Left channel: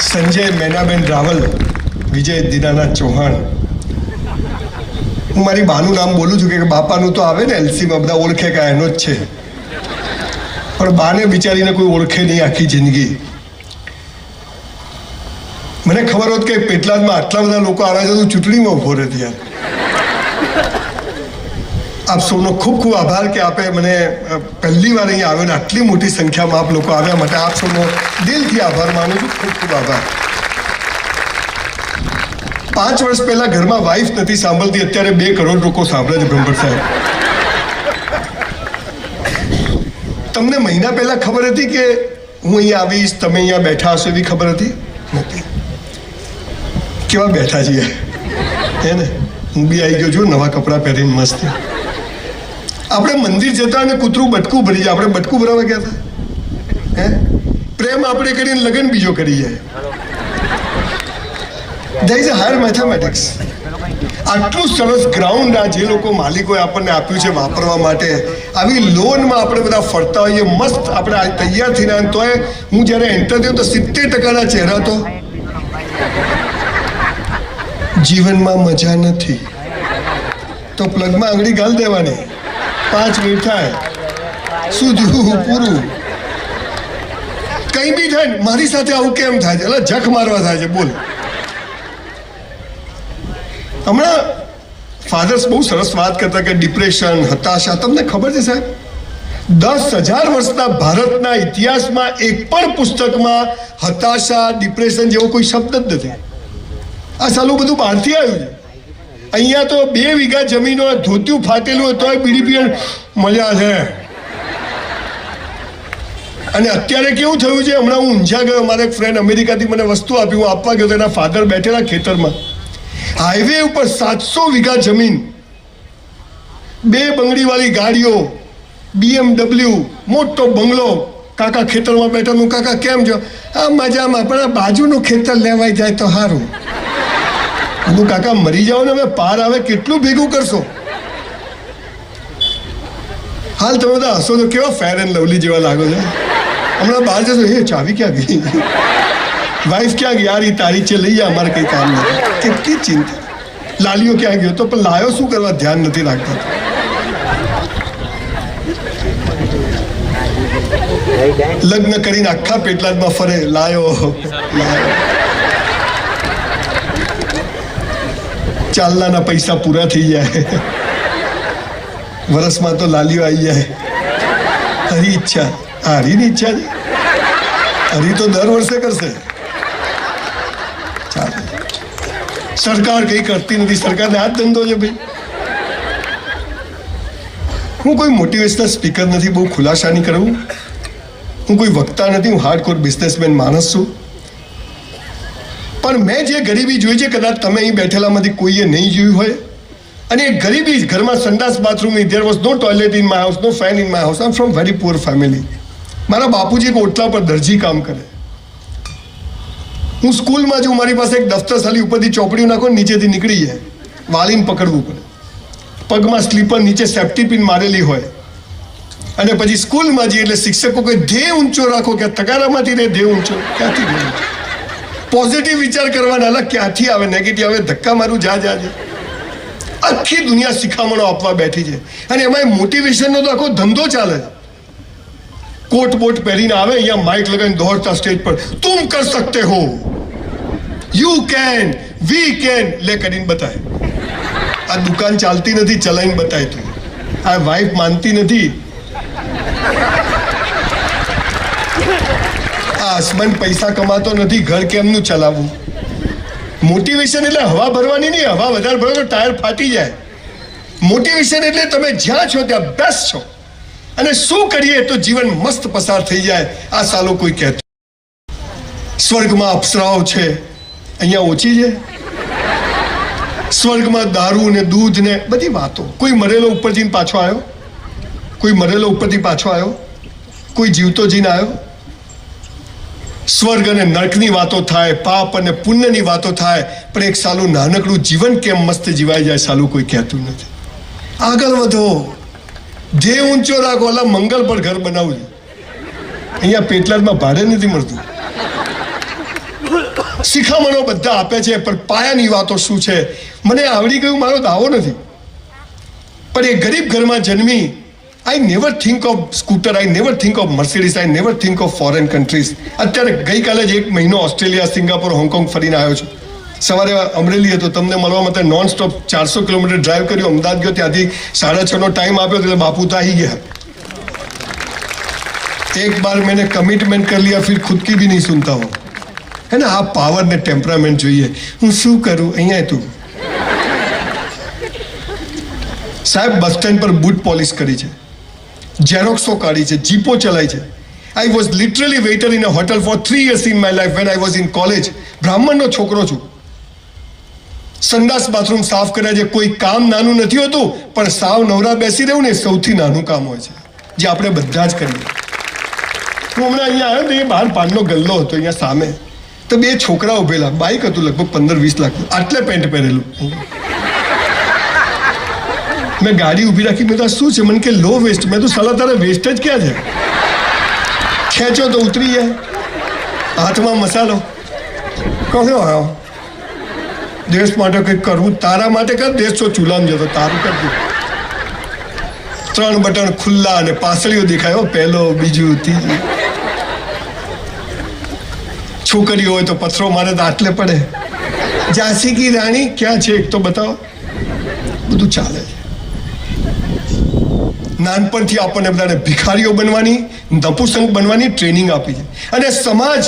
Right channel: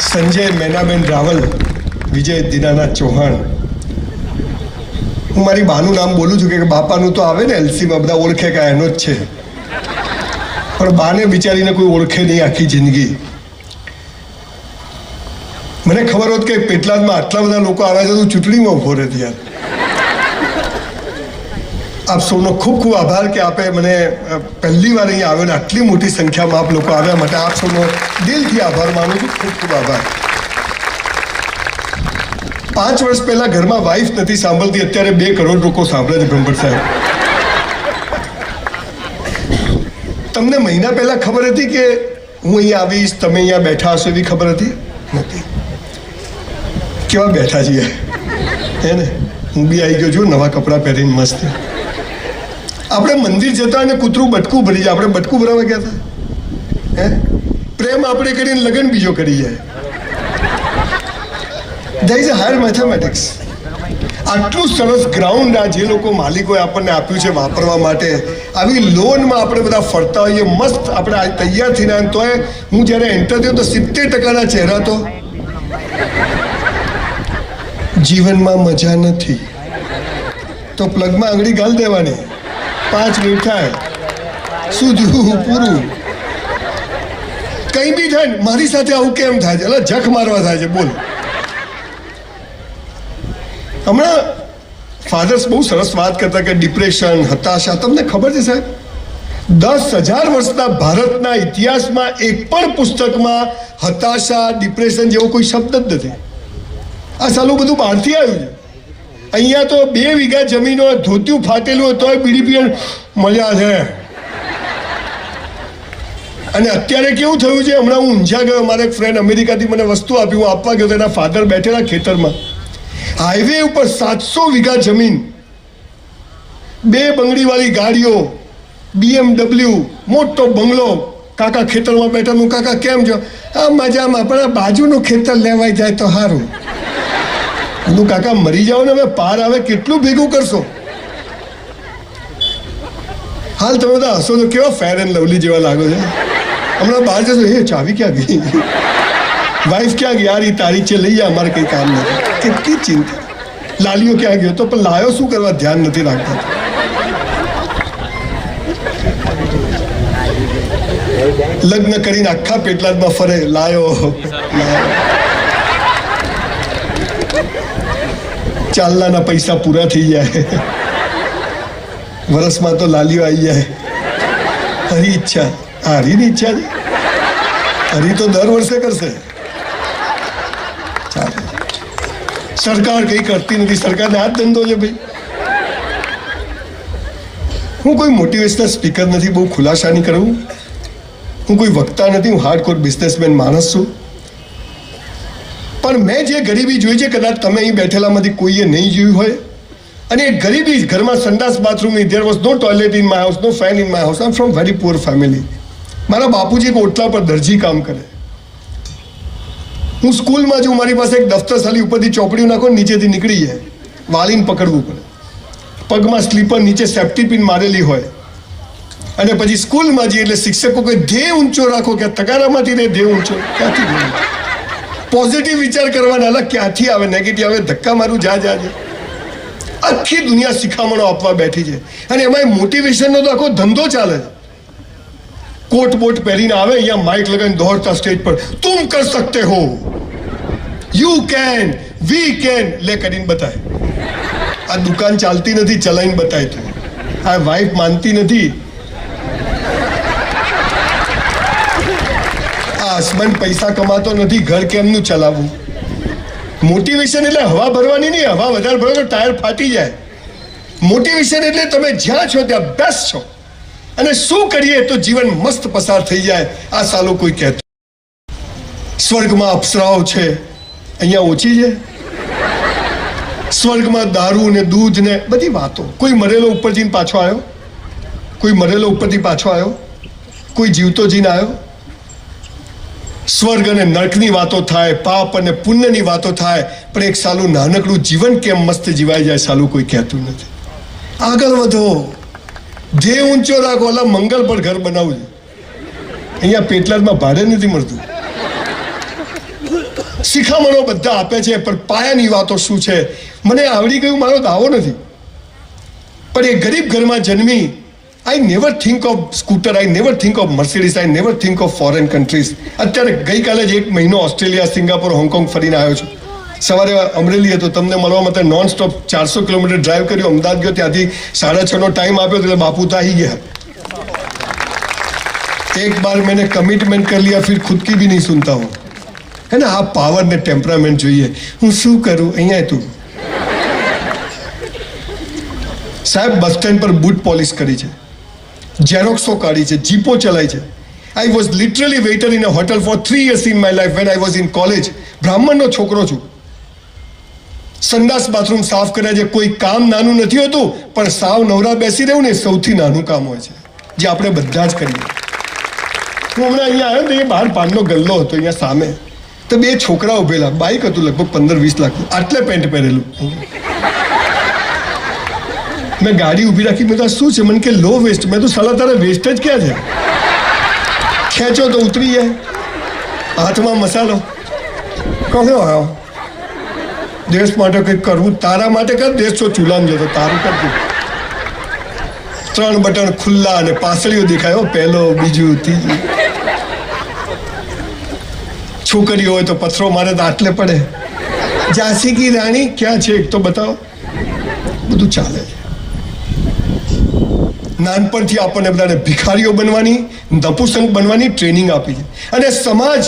સંજય મેનાબેન રાવલ, વિજય દીનાનાથ ચૌહાણ. હું મારી બાનું નામ બોલું છું કે બાપાનું તો આવે ને એલસીમાં બધા ઓળખે કે એનો જ છે, પણ બાને બિચારીને કોઈ ઓળખે નહીં આખી જિંદગી. મને ખબર હોત કે પેટલાદમાં આટલા બધા લોકો આવ્યા છે તો ચૂંટણીમાં ઉભો રહેતી યાર. આપ સૌનો ખૂબ ખૂબ આભાર કે આપે મને પહેલી વાર અહીંયા આવ્યો ને આટલી મોટી સંખ્યામાં આપ લોકો આવ્યા માટે આપ સૌનો દિલથી આભાર માનું છું. ખૂબ ખૂબ આભાર. 5 વર્ષ પહેલા ઘરમાં વાઈફ નથી સાંભળતી, અત્યારે 2 કરોડ લોકો સાંભળે છે. બ્રહ્મભટ્ટ સાહેબ, તમને મહિના પહેલા ખબર હતી કે હું અહીંયા આવીશ, તમે અહીંયા બેઠા હશો એવી ખબર હતી? નથી. કેવા બેઠા છીએ હે ને? હું બી આવી ગયો છું નવા કપડાં પહેરીને મસ્ત. આપણે મંદિર જતા અને કૂતરું બટકું ભરી જાય, આપણે બટકું ભરાવા ગયા હતા હે? પ્રેમ આપણે કરીને લગ્ન બીજો કરી જાય. there is a higher mathematics. આટલું સરસ ગ્રાઉન્ડ આ જે લોકો માલિકોએ આપણને આપ્યું છે વાપરવા માટે, આવી લોનમાં આપણે બધા ફરતા હોઈએ મસ્ત. આપણે આ તૈયાર થઈને આવ્યા તોય હું જ્યારે એન્ટર થયો તો 70% ચહેરા તો જીવનમાં મજા નથી. તો પ્લગમાં આંગળી ગાલ દેવાની, 5 મિનિટ થાય શું જોવું પૂરું. કઈ બી થાય. મારી સાથે આવું કેમ થાય છે? એટલે જખ મારવા થાય છે. બોલ. હમણાં ફાધર્સ બહુ સરસ વાત કરતા કે ડિપ્રેશન, હતાશા. તમને ખબર છે સાહેબ, 10,000 વર્ષના ભારતના ઇતિહાસમાં એક પણ પુસ્તકમાં હતાશા, ડિપ્રેશન જેવો કોઈ શબ્દ જ નથી. આ સાલું બધું બહારથી આવ્યું છે. અહીંયા તો 2 વીઘા જમીન હોય, ધોતિયું ફાટેલું હોય તોય બીડી પીએ મજા છે. અને અત્યારે કેવું થયું છે, હમણાં હું ઊંઝા ગયો, મારા એક ફ્રેન્ડ અમેરિકાથી મને વસ્તુ આપી, હું આપવા ગયો તો એના ફાધર બેઠેલા ખેતરમાં. હાઈવે ઉપર 700 વીઘા જમીન, 2 બંગડીવાળી ગાડીઓ, BMW, મોટો બંગલો. કાકા ખેતરમાં બેઠા. હું કાકા કેમ છો? આ મજામાં, પણ આ બાજુનું ખેતર લેવાઈ જાય તો સારું. હું કાકા મરી જાઓ ને, હવે પાર આવે કેટલું ભેગું કરશો? હાલ તમે બધા હસો તો કેવા ફેર એન્ડ લવલી જેવા લાગો છો. હમણાં બહાર જશો, હે ચાવી ક્યાં ગઈ, વાઈફ ક્યાં ગઈ, યાર એ તારી છે લઈ જા, અમારે કંઈ કામ નથી. કેટલી ચિંતા. લાલીઓ ક્યાં ગયો? તો પણ લાયો શું કરવા? ધ્યાન નથી રાખતા. લગ્ન કરીને આખા પેટલાદમાં ફરે, લાયો લાયો. ચાલનાના પૈસા પૂરા થઈ જાય, વરસમાં તો લાલીઓ આવી જાય. હરી ઈચ્છા, હરીની ઈચ્છા છે. હરી તો દર વર્ષે કરશે. ચાલે. સરકાર કઈ કરતી નથી, સરકારને આ જ ધંધો છે ભાઈ. હું કોઈ મોટિવેશનલ સ્પીકર નથી, બહુ ખુલાસા નહીં કરું. હું કોઈ વક્તા નથી, હું હાર્ડકોર બિઝનેસમેન માણસ છું. પણ મેં જે ગરીબી જોઈ છે, કદાચ તમે અહીં બેઠેલામાંથી કોઈએ નહીં જોયું હોય. અને એ ગરીબી, ઘરમાં સંડાસ bathroom, there was no toilet in my house, no fan in my house. I'm from very poor family. મારા બાપુજી એક ઓટલા પર દરજી કામ કરે. હું સ્કૂલમાં છું, મારી પાસે એક દફતર સાલી ઉપરથી ચોપડીઓ નાખો, નીચેથી નીકળી જાય, વાલીને પકડવું પડે. પગમાં સ્લીપર, નીચે સેફ્ટી પિન મારેલી હોય. અને પછી સ્કૂલમાં જઈએ એટલે શિક્ષકો કે ધ્યેય ઊંચો રાખો, કે તગારામાંથી ને ધ્યેય ઊંચો ક્યાંથી? પોઝિટિવ વિચાર કરવાના, અલગ ક્યાંથી આવે નેગેટિવ આવે? ધક્કા મારું જા જા. આખી દુનિયા શિખામણો આપવા બેઠી છે. અને એમાં મોટિવેશનનો તો આખો ધંધો ચાલે છે. કોટ બોટ પહેરીને આવે, અહીંયા માઇક લગાવીને દોડતા સ્ટેજ પર, તુમ કર સકતે હો, યુ કેન, વી કેન, લે કરીને બતાય. આ દુકાન ચાલતી નથી, ચલાવીને બતાય તું. આ વાઈફ માનતી નથી, આ હસબન્ડ પૈસા કમાતો નથી, ઘર કેમનું ચલાવવું? મોટિવેશન એટલે હવા ભરવાની નહીં. હવા વધારે ભરો તો ટાયર ફાટી જાય. મોટિવેશન એટલે તમે જ્યાં છો ત્યાં બેસ્ટ છો, અને શું કરીએ તો જીવન મસ્ત પસાર થઈ જાય. આ સાલો કોઈ કહેતું સ્વર્ગમાં અપ્સરાઓ છે, અહીંયા ઓછી છે. સ્વર્ગમાં દારૂ ને દૂધ ને બધી વાતો. કોઈ મરેલો ઉપર જઈને પાછો આવ્યો? કોઈ મરેલો ઉપરથી પાછો આવ્યો? કોઈ જીવતો જઈને આવ્યો? સ્વર્ગ અને નરકની વાતો થાય, પાપ અને પુણ્યની વાતો થાય, પણ એક સાલું નાનકડું જીવન કેમ મસ્ત જીવાઈ જાય સાલું કોઈ કહેતું નથી. આગળ વધો, ધ્યેય ઊંચો રાખો. ઓલા મંગલ પર ઘર બનાવવું છે, અહીંયા પેટલાદમાં ભાડે નથી મળતું. શિખામણો બધા આપે છે, પણ પાયાની વાતો શું છે મને આવડી ગયું મારો દાવો નથી. પણ એ ગરીબ ઘરમાં જન્મી, I never think of scooter, I never think of Mercedes, I never think of foreign countries. અત્યારે ગઈકાલે જ 1 મહિનો ઓસ્ટ્રેલિયા, સિંગાપોર, હોંગકોંગ ફરીને આવ્યો છું. સવારે અમરેલી હતો, તમને મળવા માટે નોન સ્ટોપ 400 કિલોમીટર ડ્રાઈવ કર્યું. અમદાવાદ ગયો, ત્યાંથી 6:30 ટાઈમ આપ્યો, એટલે બાપુ તો આવી ગયા. एक बार मैंने कमिटमेंट कर लिया, फिर खुद की भी नहीं सुनता हूँ, है ना. આ પાવર ને ટેમ્પરામેન્ટ જોઈએ. હું શું કરું અહીંયા? તું સાહેબ બસ સ્ટેન્ડ પર બૂટ પોલિશ કરી છે, ઝેરોક્સો કાઢી છે, જીપો ચલાવી છે. I was literally waiter in a hotel for 3 years in my life when I was in college. બ્રાહ્મણનો છોકરો છું. સંડાસ બાથરૂમ સાફ કર્યા છે. કોઈ કામ નાનું નથી હોતું, પણ સાવ નવરા બેસી રહેવું ને સૌથી નાનું કામ હોય છે, જે આપણે બધા જ કરીએ. હું હમણાં અહીંયા આવ્યો તો એ બહાર પાનનો ગલ્લો હતો અહીંયા સામે, તો 2 છોકરા ઉભેલા. બાઇક હતું લગભગ 15-20 લાખ, આટલે પેન્ટ પહેરેલું. મેં ગાડી ઊભી રાખી. મેં તો શું છે? મને કે લો વેસ્ટ. મેં તો સાલા તારા વેસ્ટ જ ક્યાં છે? ખેંચો તો ઉતરી જાય. હાથમાં મસાલો. કહ્યો આવ્યો દેશ માટે કંઈક કરવું. તારા માટે કર, દેશ તો ચૂલામાં જતો, તારું કરતું. 3 બટન ખુલ્લા અને પાસળીઓ દેખાયો, પહેલો, બીજું, ત્રીજું. છોકરીઓ હોય તો પથ્થરો મારે તો આટલે પડે. ઝાંસી કી રાણી ક્યાં છે એક તો બતાવો. બધું ચાલે છે. નાનપણથી આપણને બધાને ભિખારીઓ બનવાની, નપુસંક બનવાની ટ્રેનિંગ આપી છે. અને સમાજ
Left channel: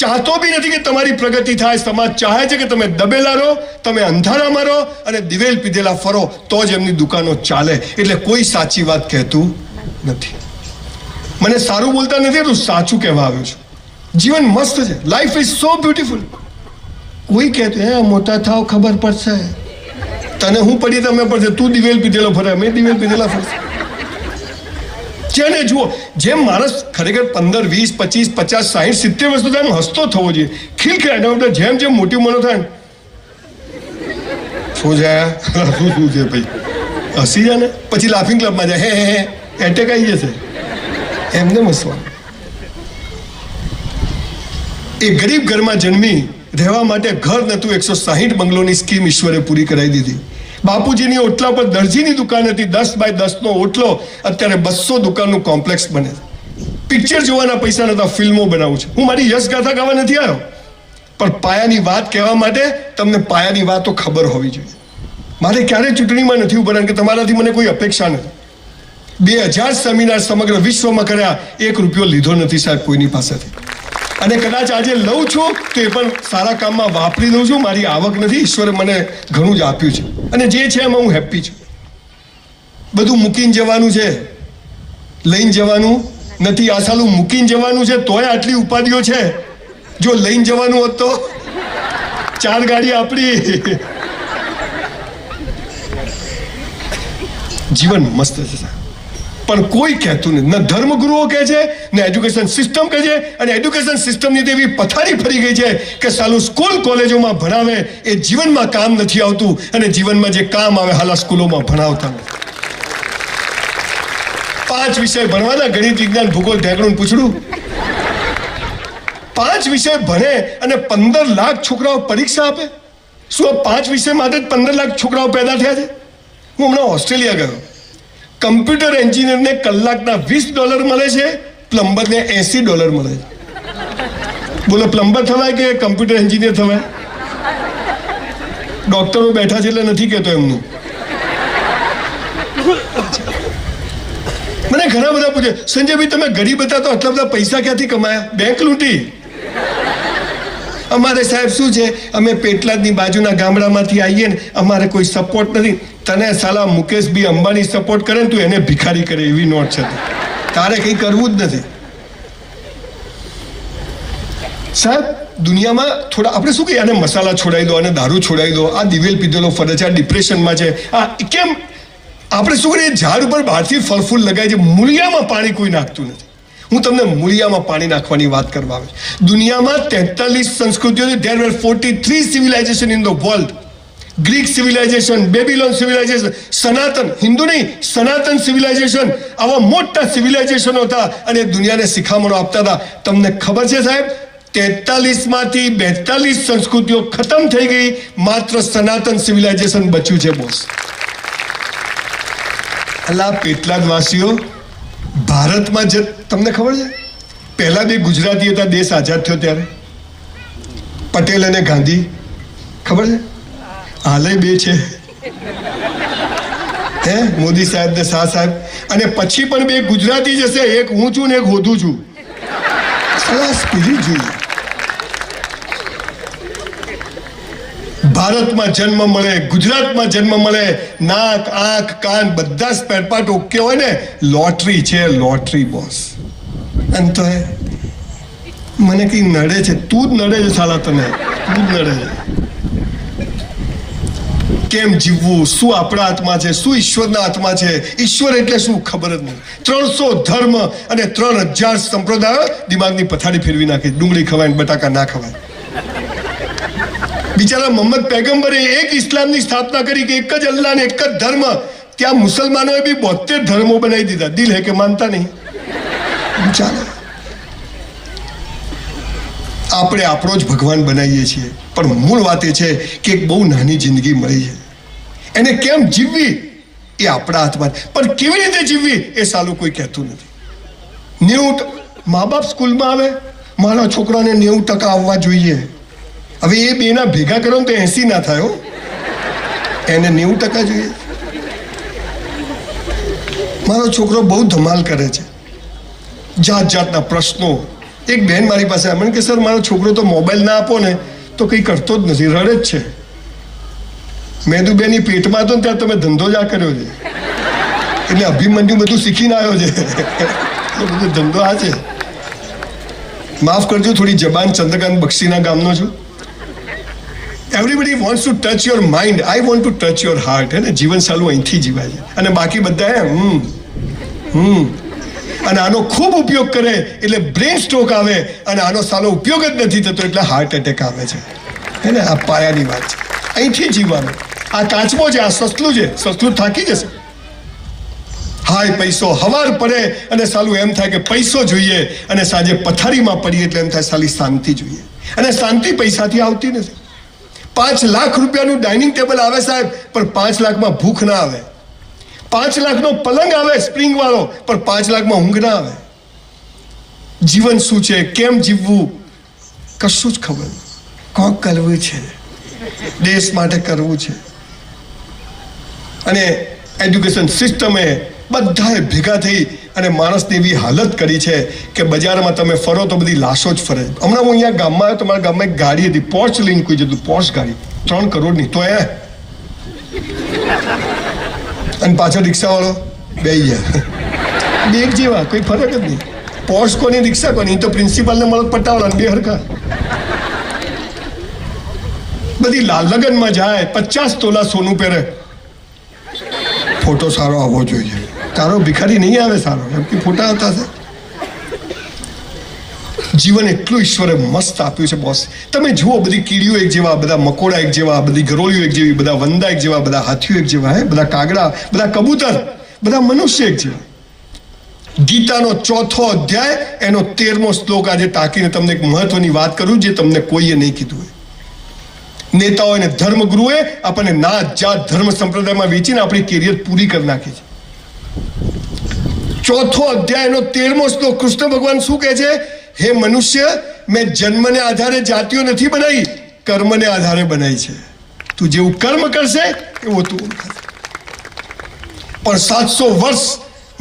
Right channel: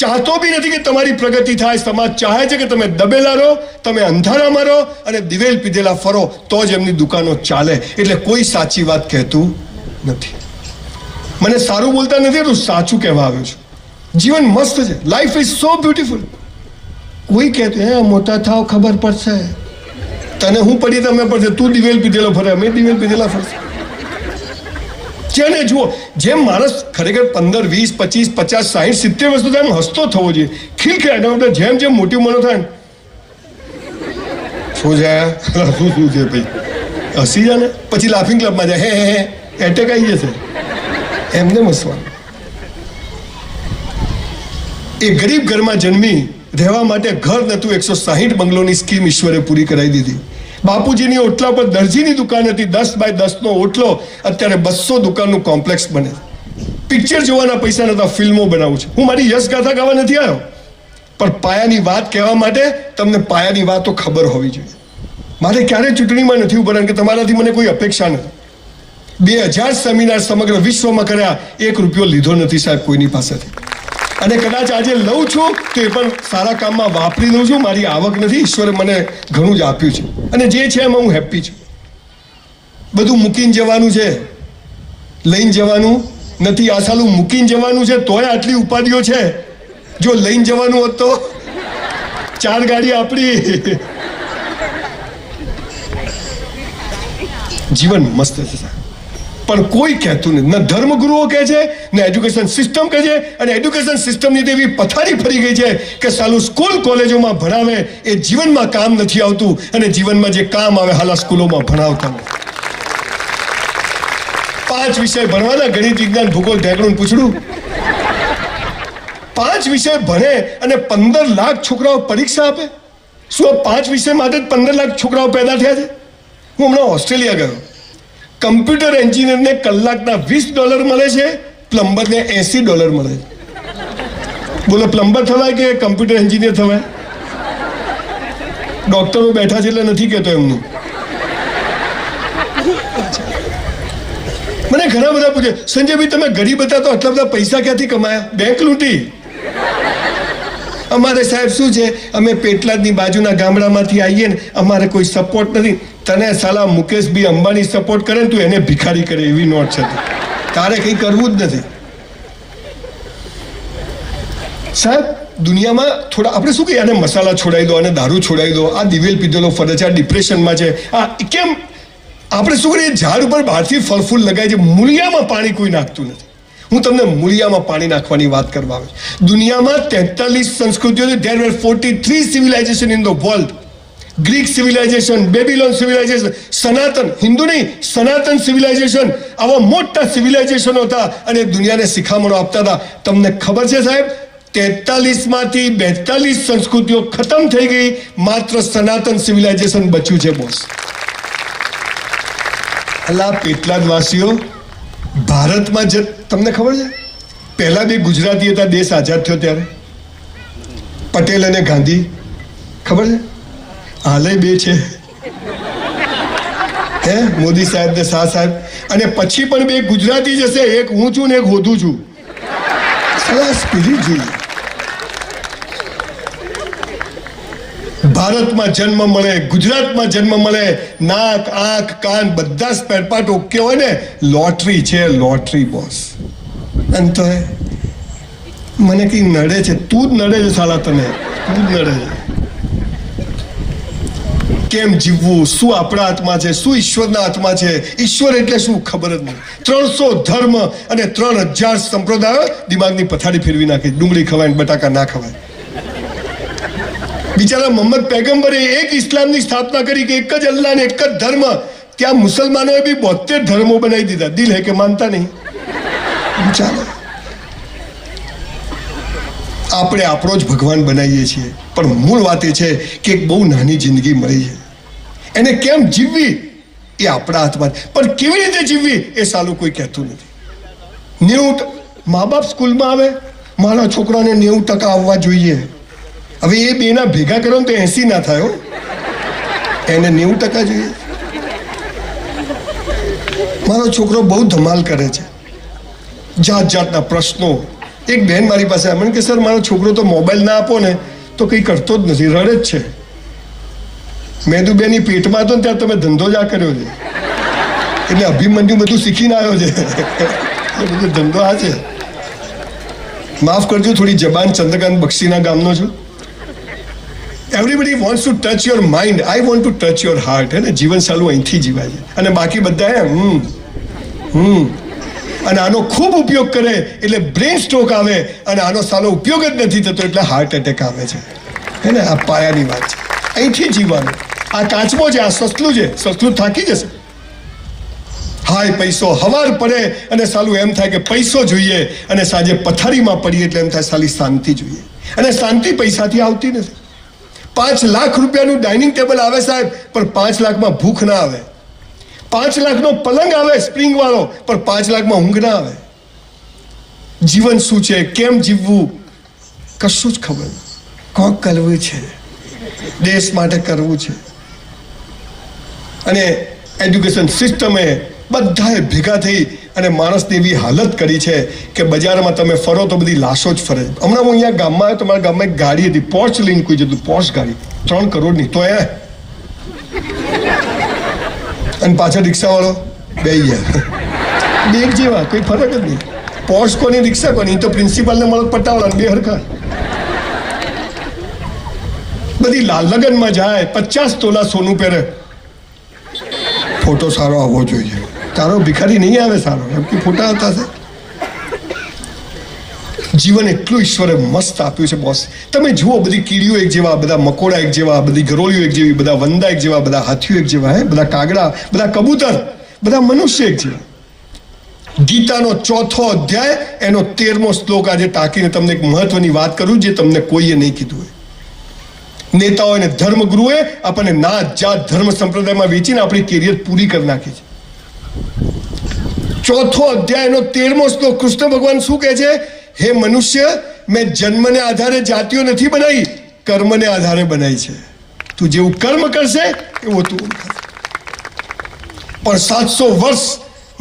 ચાહતો બી નથી કે તમારી પ્રગતિ થાય. સમાજ ચાહે છે કે તમે દબેલા રહો, તમે અંધારામાં રહો અને દિવેલ પીધેલા ફરો, તો જ એમની દુકાનો ચાલે. એટલે કોઈ સાચી વાત કહેતું નથી. મને સારું બોલતા નથી, તું સાચું કહેવા આવ્યો છું. જીવન મસ્ત છે. Life is so beautiful. કોઈ કહેતું હે મોટા થાવ ખબર પડશે. તને હું પડી તમે પડશે. તું દિવેલ પીધેલો ફરે, અમે દિવેલ પીધેલા ફરશે. જેને જુઓ, જેમ માણસ ખરેખર 15, 20, 25, 50, 60, 70 વર્ષ સુધી એમ હસતો થવો જોઈએ, ખીલખીલાટ. જેમ જેમ મોટી ઉંમરનો થાય શું છે શું છે ભાઈ, હસી જાય ને પછી લાફિંગ ક્લબમાં જાય, હે એટેક આવી જશે. એમને હસવાનું. એ ગરીબ ઘરમાં જન્મી, રહેવા માટે ઘર નહોતું, 160 બંગલોની સ્કીમ ઈશ્વરે પૂરી કરાવી દીધી. બાપુજીની ઓટલા પર દરજીની દુકાન હતી, 10 બાય 10નો ઓટલો, અત્યારે 200 દુકાનનું કોમ્પ્લેક્સ બને. પિક્ચર જોવાના પૈસા નતા, ફિલ્મો બનાવું છું. હું મારી યશ ગાથા ગાવા નથી આવ્યો, પણ પાયાની વાત કહેવા માટે તમને પાયાની વાતો ખબર હોવી જોઈએ. મારે ક્યારેય ચૂંટણીમાં નથી ઉભા, કે તમારાથી મને કોઈ અપેક્ષા નથી. 2000 સેમિનાર સમગ્ર વિશ્વમાં કર્યા, 1 રૂપિયો લીધો નથી સાહેબ કોઈની પાસેથી. અને કદાચ આજે લઉં છું તો એ પણ સારા કામમાં વાપરી દઉં છું. મારી આવક નથી, ઈશ્વરે મને ઘણું જ આપ્યું છે, અને જે છે એમાં હું હેપી છું. બધું મૂકીને જવાનું છે, લઈને જવાનું નથી. આ સાલું મૂકીને જવાનું છે તોય આટલી ઉપાધિઓ છે. જો લઈને જવાનું હોત તો 4 ગાડી આપણી. જીવન મસ્ત છે સાહેબ, પણ કોઈ કહેતું નથી. ન ધર્મગુરુઓ કહે છે, ને એજ્યુકેશન સિસ્ટમ કહે છે. અને એજ્યુકેશન સિસ્ટમની તો એવી પથારી ફરી ગઈ છે કે સાલું સ્કૂલ કોલેજોમાં ભણાવે એ જીવનમાં કામ નથી આવતું, અને જીવનમાં જે કામ આવે હાલા સ્કૂલોમાં ભણાવતા નથી. 5 વિષય ભણવાના, ગણિત, વિજ્ઞાન, ભૂગોળ, ઢેકણું પૂછડું. 5 વિષય ભણે અને 15 લાખ છોકરાઓ પરીક્ષા આપે. શું આ 5 વિષય માટે જ 15 લાખ છોકરાઓ પેદા થયા છે? હું હમણાં ઓસ્ટ્રેલિયા ગયો. કમ્પ્યુટર એન્જિનિયરને કલાકના $20 મળે છે, પ્લમ્બરને $80 મળે છે. બોલો, પ્લમ્બર થવાય કે કમ્પ્યુટર એન્જિનિયર થવાય? ડોક્ટરો બેઠા છે એટલે નથી કહેતો એમનું. મને ઘણા બધા પૂછે, સંજયભાઈ તમે ગરીબ હતા તો આટલા બધા પૈસા ક્યાંથી કમાયા? બેંક લૂંટી. અમારે સાહેબ શું છે, અમે પેટલાદની બાજુના ગામડામાંથી આવીએ ને, અમારે કોઈ સપોર્ટ નથી. તને સાલા મુકેશભાઈ અંબાણી સપોર્ટ કરે ને તું એને ભિખારી કરે એવી નોટ છે. તારે કંઈ કરવું જ નથી સાહેબ. દુનિયામાં થોડા આપણે શું કહીએ, આને મસાલા છોડાવી દો, આને દારૂ છોડાવી દો, આ દિવેલ પીધેલો ફરે છે, આ ડિપ્રેશનમાં છે, આ કેમ? આપણે શું કરીએ, ઝાડ ઉપર બહારથી ફળ ફૂલ લગાય છે, મૂળિયામાં પાણી કોઈ નાખતું નથી. હું તમને મૂળિયામાં પાણી નાખવાની વાત કરવા આવે. દુનિયામાં 43 સંસ્કૃતિઓ છે. there were 43 civilization in the world. Greek civilisation, બેબીલોન civilisation, સનાતન, હિન્દુ નહીં, સનાતન સિવિલાઇઝેશન, આવા મોટા સિવિલાઇઝેશનો હતા અને દુનિયાને શિખામણો આપતા હતા. તમને ખબર છે સાહેબ, 43માંથી 42 સંસ્કૃતિઓ ખતમ થઈ ગઈ, માત્ર સનાતન સિવિલાઇઝેશન બચ્યું છે બોસ. અલા પેટલાદવાસીઓ, ભારતમાં તમને ખબર છે પહેલા બે ગુજરાતી હતા દેશ આઝાદ થયો ત્યારે, પટેલ અને ગાંધી, ખબર છે? હાલે બે છે, હે મોદી સાહેબ ને શાહ સાહેબ. અને પછી પણ બે ગુજરાતી જશે, એક હું છું ને એક હોધું છું. સ્પિરિટ જોઈએ. ભારતમાં જન્મ મળે, ગુજરાતમાં જન્મ મળે, નાક આંખ કાન બધા સ્પેર પાર્ટ ઓકે હોય ને, લોટરી છે, લોટરી બોસ. અને તો મને કઈ નડે છે, તું જ નડે છે સાલા, તને તું જ નડે છે. કેમ જીવવું, શું આપણા હાથમાં છે, શું ઈશ્વરના હાથમાં છે? ઈશ્વર એટલે શું ખબર જ નહીં. 300 ધર્મ અને 3000 સંપ્રદાયો દિમાગની પથારી ફેરવી નાખી. ડુંગળી ખવાય બટાકા ના ખવાય. બિચારા મોહમ્મદ પૈગંબરે એક ઇસ્લામની સ્થાપના કરી કે એક જ અલ્લાહ ને એક જ ધર્મ. ત્યાં મુસલમાનોએ બી 72 ધર્મો બનાવી દીધા. દિલ હે કે માનતા નહીં. ચાલો, આપણે આપણો જ ભગવાન બનાવીએ છીએ, પણ મૂળ વાત એ છે કે એક બહુ નાની જિંદગી મળી છે, એને કેમ જીવવી એ આપણા હાથમાં. પણ કેવી રીતે જીવવી એ સાલું કોઈ કહેતું નથી. 90 મા બાપ સ્કૂલમાં આવે, મારા છોકરાને 90% આવવા જોઈએ. હવે એ બેના ભેગા કરો તો 80 ના થાય, એને 90% જોઈએ. મારો છોકરો બહુ ધમાલ કરે છે, જાત જાતના પ્રશ્નો. એક બહેન મારી પાસે મને કે સર મારો છોકરો તો મોબાઈલ ના આપો ને તો કંઈ કરતો જ નથી, રડે જ છે. મેદુબેની પેટમાં હતો ને ત્યાં તમે ધંધો જ આ કર્યો છે, એટલે અભિમન્યુ બધું શીખીને આવ્યો છે. બધું ધંધો આ છે. માફ કરજો, થોડી જબાન ચંદ્રકાંત બક્ષીના ગામનો છું. Everybody wants to touch your mind, I want to touch your heart. હે ને, જીવન સાલું અહીંથી જીવાય છે. અને બાકી બધા અને આનો ખૂબ ઉપયોગ કરે એટલે બ્રેન સ્ટ્રોક આવે, અને આનો સાલો ઉપયોગ જ નથી થતો એટલે હાર્ટ એટેક આવે છે. હે ને, આ પાયાની વાત છે. અહીંથી જીવવાનું. આ કાચબો છે, આ સસલું છે, સસલું થાકી જશે. હાય પૈસો, હવાર પડે અને સાલું એમ થાય કે પૈસો જોઈએ, અને સાંજે પથારીમાં પડીએ એટલે એમ થાય સાલી શાંતિ જોઈએ. અને શાંતિ પૈસાથી આવતી નથી. 5 લાખ રૂપિયાનું ડાઇનિંગ ટેબલ આવે સાહેબ, પણ 5 લાખમાં ભૂખ ના આવે. 5 લાખનો પલંગ આવે સ્પ્રિંગ વાળો, પણ 5 લાખમાં ઊંઘ ના આવે. જીવન શું છે, કેમ જીવવું, કશું જ ખબર નહીં. કોક કરવું છે, દેશ માટે કરવું છે. અને એજ્યુકેશન સિસ્ટમે બધાએ ભેગા થઈ અને માણસની એવી હાલત કરી છે કે બજારમાં તમે ફરો તો બધી લાશો જ ફરે. હમણાં હું અહીંયા ગામમાં આવ્યો, તમારા ગામમાં એક ગાડી હતી, પોર્ચ લઈને કોઈ જતું, પોર્ચ ગાડી 3 કરોડની, તો અને પાછળ રિક્ષાવાળો બેસી ગયા. બે એક જેવા, કોઈ ફરક જ નહીં. પોર્ચ કોની, રિક્ષા કોની, તો પ્રિન્સિપાલને મળો પટાવડા, બે હરખા. બધી લગ્નમાં જાય, 50 તોલા સોનું પહેરે. ફોટો સારો આવવો જોઈએ. તારો ભિખારી નહીં આવે સારો, એમ કે ફોટા આવતા છે. જીવન એટલું ઈશ્વરે મસ્ત આપ્યું છે બોસ. તમે જુઓ, બધી કીડીઓ એક જેવા, બધા મકોડા એક જેવા, બધી ગરોળીઓ એક જેવી, બધા વંદા એક જેવા, બધા હાથીઓ એક જેવા, હે બધા કાગડા, બધા કબૂતર, બધા મનુષ્ય એક જેવા. ગીતાનો 4થો અધ્યાય એનો 13મો શ્લોક આજે ટાંકીને તમને એક મહત્વની વાત કરું જે તમને કોઈએ નહીં કીધું હોય. નેતાઓ અને ધર્મગુરુએ આપણને નાત જાત ધર્મ સંપ્રદાયમાં વેચીને આપણી કેરિયર પૂરી કરી નાખી છે. 4થો અધ્યાયનો 13મો શ્લોક કૃષ્ણ ભગવાન શું કહે છે? હે મનુષ્ય, મેં જન્મને આધારે જાતિઓ નથી બનાવી, કર્મને આધારે બનાવી છે. તું જેવું કર્મ કરશે એવું તું ઓળખાશે. પણ 700 વર્ષ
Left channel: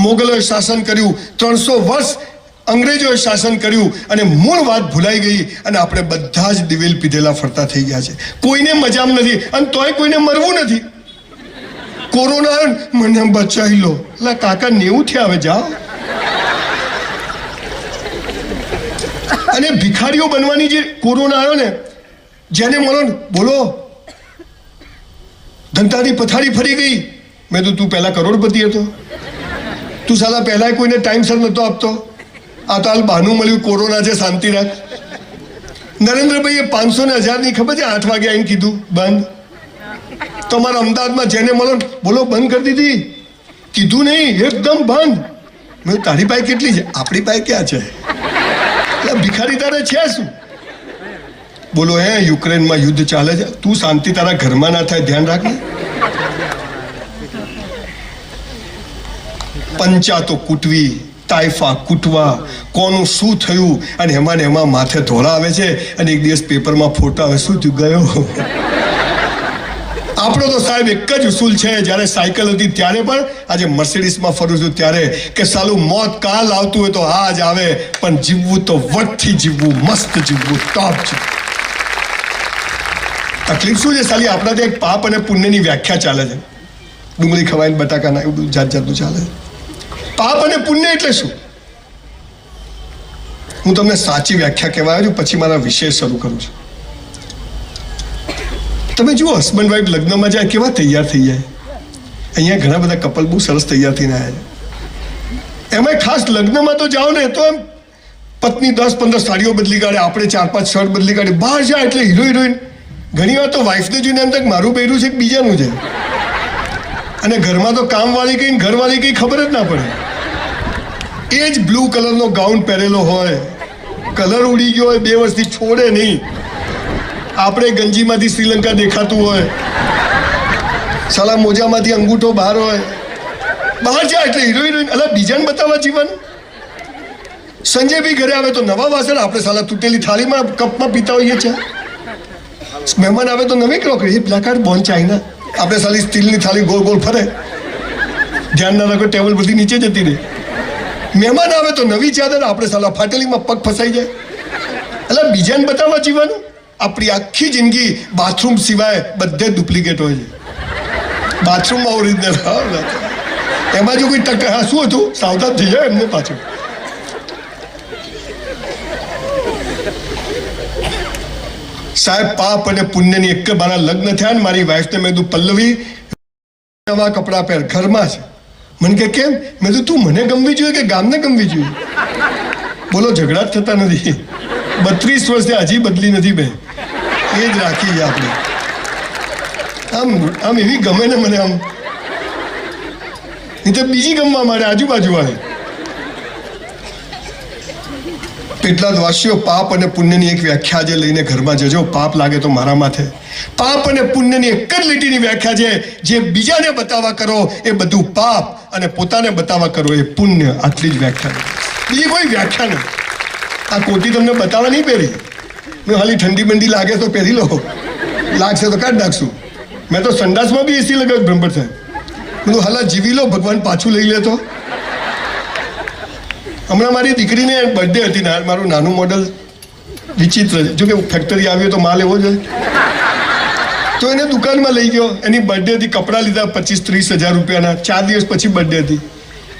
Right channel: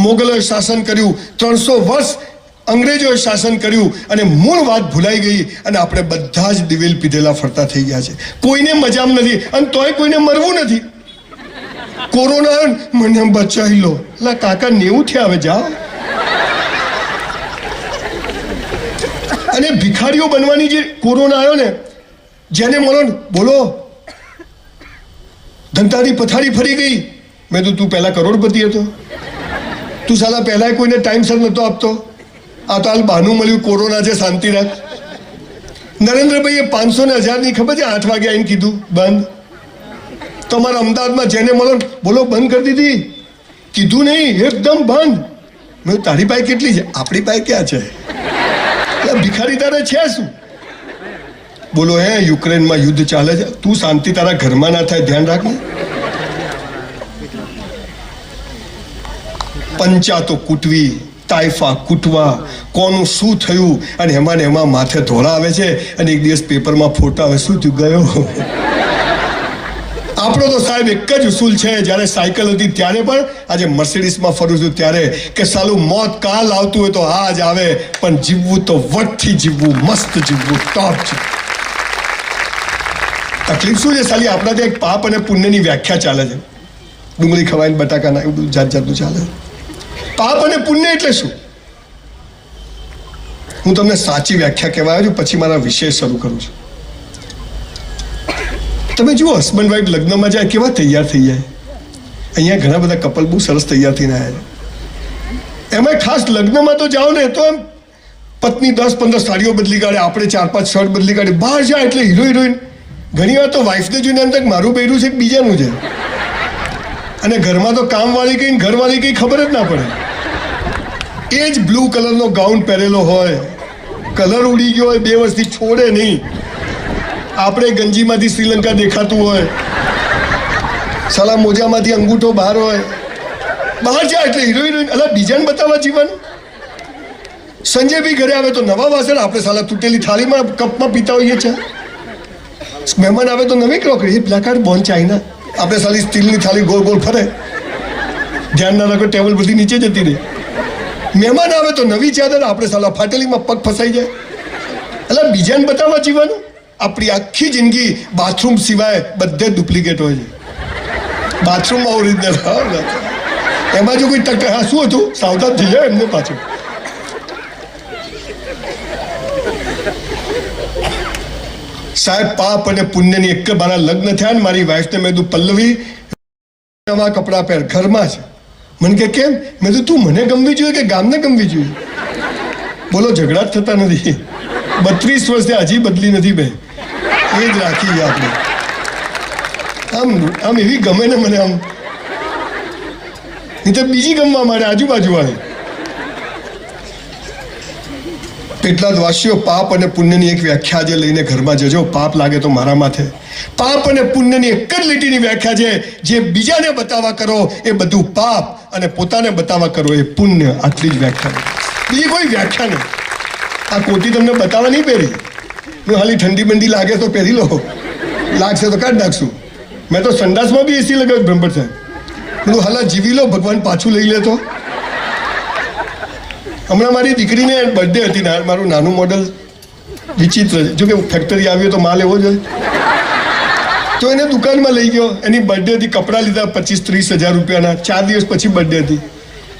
મોગલોએ શાસન કર્યું, 300 વર્ષ અંગ્રેજોએ શાસન કર્યું, અને મૂળ વાત ભૂલાઈ ગઈ, અને આપણે બધા જ દિવેલ પીધેલા ફરતા થઈ ગયા છે. કોઈને મજામ નથી, અને તોય કોઈને મરવું નથી. કોરોના મને બચાવી લો, એટલે કાકા 90 થયા, હવે જાઓ. અને ભિખારીઓ બનવાની જે કોરોના આવ્યો ને, જેને મળો ને બોલો ધંધાની પથારી ફરી ગઈ. મેં તો તું પહેલા કરોડપતિ હતો, તું સાલા પહેલા કોઈને ટાઈમસર નતો આપતો. આ તો હાલ બહાનું મળ્યું, કોરોના છે, શાંતિ રાખ. નરેન્દ્રભાઈએ 500 ને 1000 ની ખબર છે 8 વાગે આવીને કીધું બંધ. તમારા અમદાવાદમાં જેને મળો બોલો બંધ કરી દીધી. કીધું નહીં, એકદમ બંધ. મેં તારી પાસે કેટલી છે? આપણી પાસે ક્યાં છે? ભિખારી તારે છે શું? બોલો હે યુક્રેનમાં યુદ્ધ ચાલે છે, તું શાંતિ તારા ઘરમાં ના થાય ધ્યાન રાખ ને. પંચાતો કૂટવી, તાઇફા કૂટવા, કોનું શું થયું, અને એમાં ને એમાં માથે ધોળા આવે છે, અને એક દિવસ પેપરમાં ફોટા આવે, શું થયું ગયો. આપણો તો સાહેબ એક જ ઉસૂલ છે, જ્યારે સાયકલ હતી ત્યારે પણ, આજે મર્સિડીઝમાં ફરું છું ત્યારે, કે સાલું મોત કાલ આવતું હોય તો આજ આવે, પણ જીવવું તો વટથી જીવવું, મસ્ત જીવવું, ટોપ જીવવું. તકલીફ શું છે સાલી, આપણા ત્યાં એક પાપ અને પુણ્યની વ્યાખ્યા ચાલે છે. ડુંગળી ખવાઈને બટાકા ના એવું જાત જાતનું ચાલે. પાપ અને પુણ્ય એટલે શું? હું તમને સાચી વ્યાખ્યા કહેવા આવ્યો છું, પછી મારા વિષય શરૂ કરું છું. તમે જુઓ, હસબન્ડ વાઈફ લગ્નમાં જાય કેવા તૈયાર થઈ જાય. અહીંયા ઘણા બધા કપલ બહુ સરસ તૈયાર થઈને આવ્યા છે. એમાં ખાસ લગ્નમાં તો જાઓ ને તો એમ પત્ની 10-15 સાડીઓ બદલી કાઢે, આપણે 4-5 શર્ટ બદલી કાઢે. બહાર જાય એટલે હીરો હિરોઈન. ઘણી વાર તો વાઈફને જોઈને એમ થાય મારું બૈરું છે કે બીજાનું છે. અને ઘરમાં તો કામવાળી કઈ ઘરવાળી કઈ ખબર જ ના પડે. એ જ બ્લુ કલરનો ગાઉન પહેરેલો હોય, કલર ઉડી ગયો હોય, 2 વર્ષથી છોડે નહીં. આપણે ગંજીમાંથી શ્રીલંકા દેખાતું હોય, સાલા મોજામાંથી અંગૂઠો બહાર હોય. બહાર જાય એટલે હીરો હિરોઈન. અલા બીજાને બતાવવા જીવન. સંજય બી ઘરે આવે તો નવા વાસણ, આપણે સાલા તૂટેલી થાળીમાં કપમાં પીતા હોઈએ છે. મહેમાન આવે તો નવી crockery, black card bone china. આપણે સાલી સ્ટીલની થાળી ગોળ ગોળ ફરે, ધ્યાન ના રાખો ટેબલ બધી નીચે જતી રહે. મહેમાન આવે તો નવી ચાદર, આપણે સાલા ફાટેલીમાં પગ ફસાઈ જાય. એટલે બીજાને બતાવવા જીવવાનું. આપણી આખી જિંદગી બાથરૂમ સિવાય બધે ડુપ્લિકેટ હોય છે. બાથરૂમમાં ઓરિજિનલ, એમાં જો કોઈ ટક્કર, હા શું હતું સાવધાન થઈ જાય એમને પાછું. સાહેબ પાપ અને પુણ્યની એક મારા લગ્ન થયા ને મારી વાઈફને મેં કીધું પલ્લવી નવા કપડાં પહેર, ઘરમાં છે. મને કે કેમ? મેં કીધું તું મને ગમવી જોઈએ કે ગામને ગમવી જોઈએ? બોલો ઝઘડા જ થતા નથી. 32 વર્ષે હજી બદલી નથી બે, એ જ રાખી આપણે. આમ એવી ગમે ને મને, આમ નહીં તો બીજી ગમવા માંડે આજુબાજુ વાળી. એટલા જ વાસીઓ પાપ અને પુણ્યની એક વ્યાખ્યા જે લઈને ઘરમાં જજો. પાપ લાગે તો મારા માથે. પાપ અને પુણ્યની એક જ લીટીની વ્યાખ્યા છે, જે બીજાને બતાવવા કરો એ બધું પાપ, અને પોતાને બતાવવા કરો એ પુણ્ય. આટલી જ વ્યાખ્યા, બીજી કોઈ વ્યાખ્યા નહીં. આ કોટી તમને બતાવવા નહીં પહેરી, મેં હાલી ઠંડી બંડી લાગે તો પહેરી લો, લાગશે તો કાઢ નાખશું. મેં તો સંડાસમાં બી એસી લગાવ્યું બ્રહ્મભટ્ટ સાહેબ. બધું હાલા જીવી લો, ભગવાન પાછું લઈ લે તો. હમણાં મારી દીકરીને બર્થડે હતી ને, મારું નાનું મોડલ વિચિત્ર છે, જોકે ફેક્ટરી આવ્યો તો માલ એવો જ હોય. તો એને દુકાનમાં લઈ ગયો, એની બર્થડે હતી, કપડાં લીધા 25-30 હજાર રૂપિયાના. 4 દિવસ પછી બર્થડે હતી,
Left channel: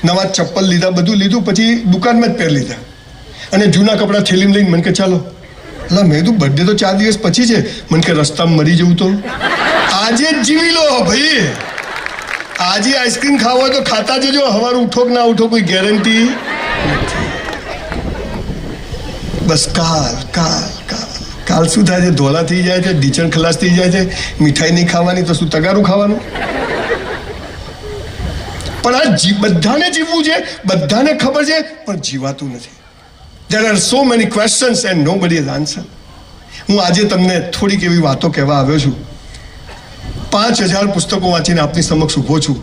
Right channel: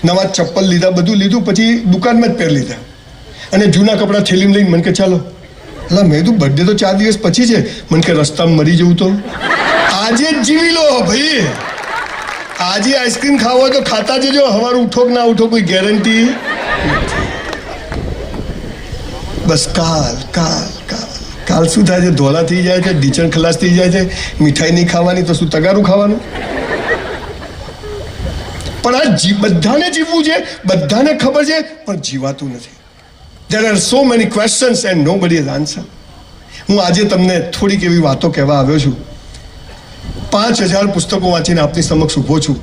નવા ચપ્પલ લીધા, બધું લીધું, પછી દુકાનમાં જ પહેરી લીધા. અને જૂના કપડાં થેલીમાં લઈને મને કે ચાલો. એટલે મેં કીધું બર્થડે તો 4 દિવસ પછી છે. મને કે રસ્તામાં મરી જવું તો આજે જ જીવી લો ભાઈ. આજે આઈસ્ક્રીમ ખાવો હોય તો ખાતા જજો, સવારે ઉઠો કે ના ઉઠો કોઈ ગેરંટી. બસ કાલ શું થાય છે? ધોલા થઈ જાય છે, ઢીચણ ખલાસ થઈ જાય છે. મીઠાઈ નહીં ખાવાની તો શું તગારું ખાવાનું? પણ આ બધાને જીવવું છે, બધાને ખબર છે, પણ જીવાતું નથી. There are so many questions and nobody has answer. હું આજે તમને થોડીક એવી વાતો કહેવા આવ્યો છું. 5000 પુસ્તકો વાંચીને આપની સમક્ષ ઊભો છું.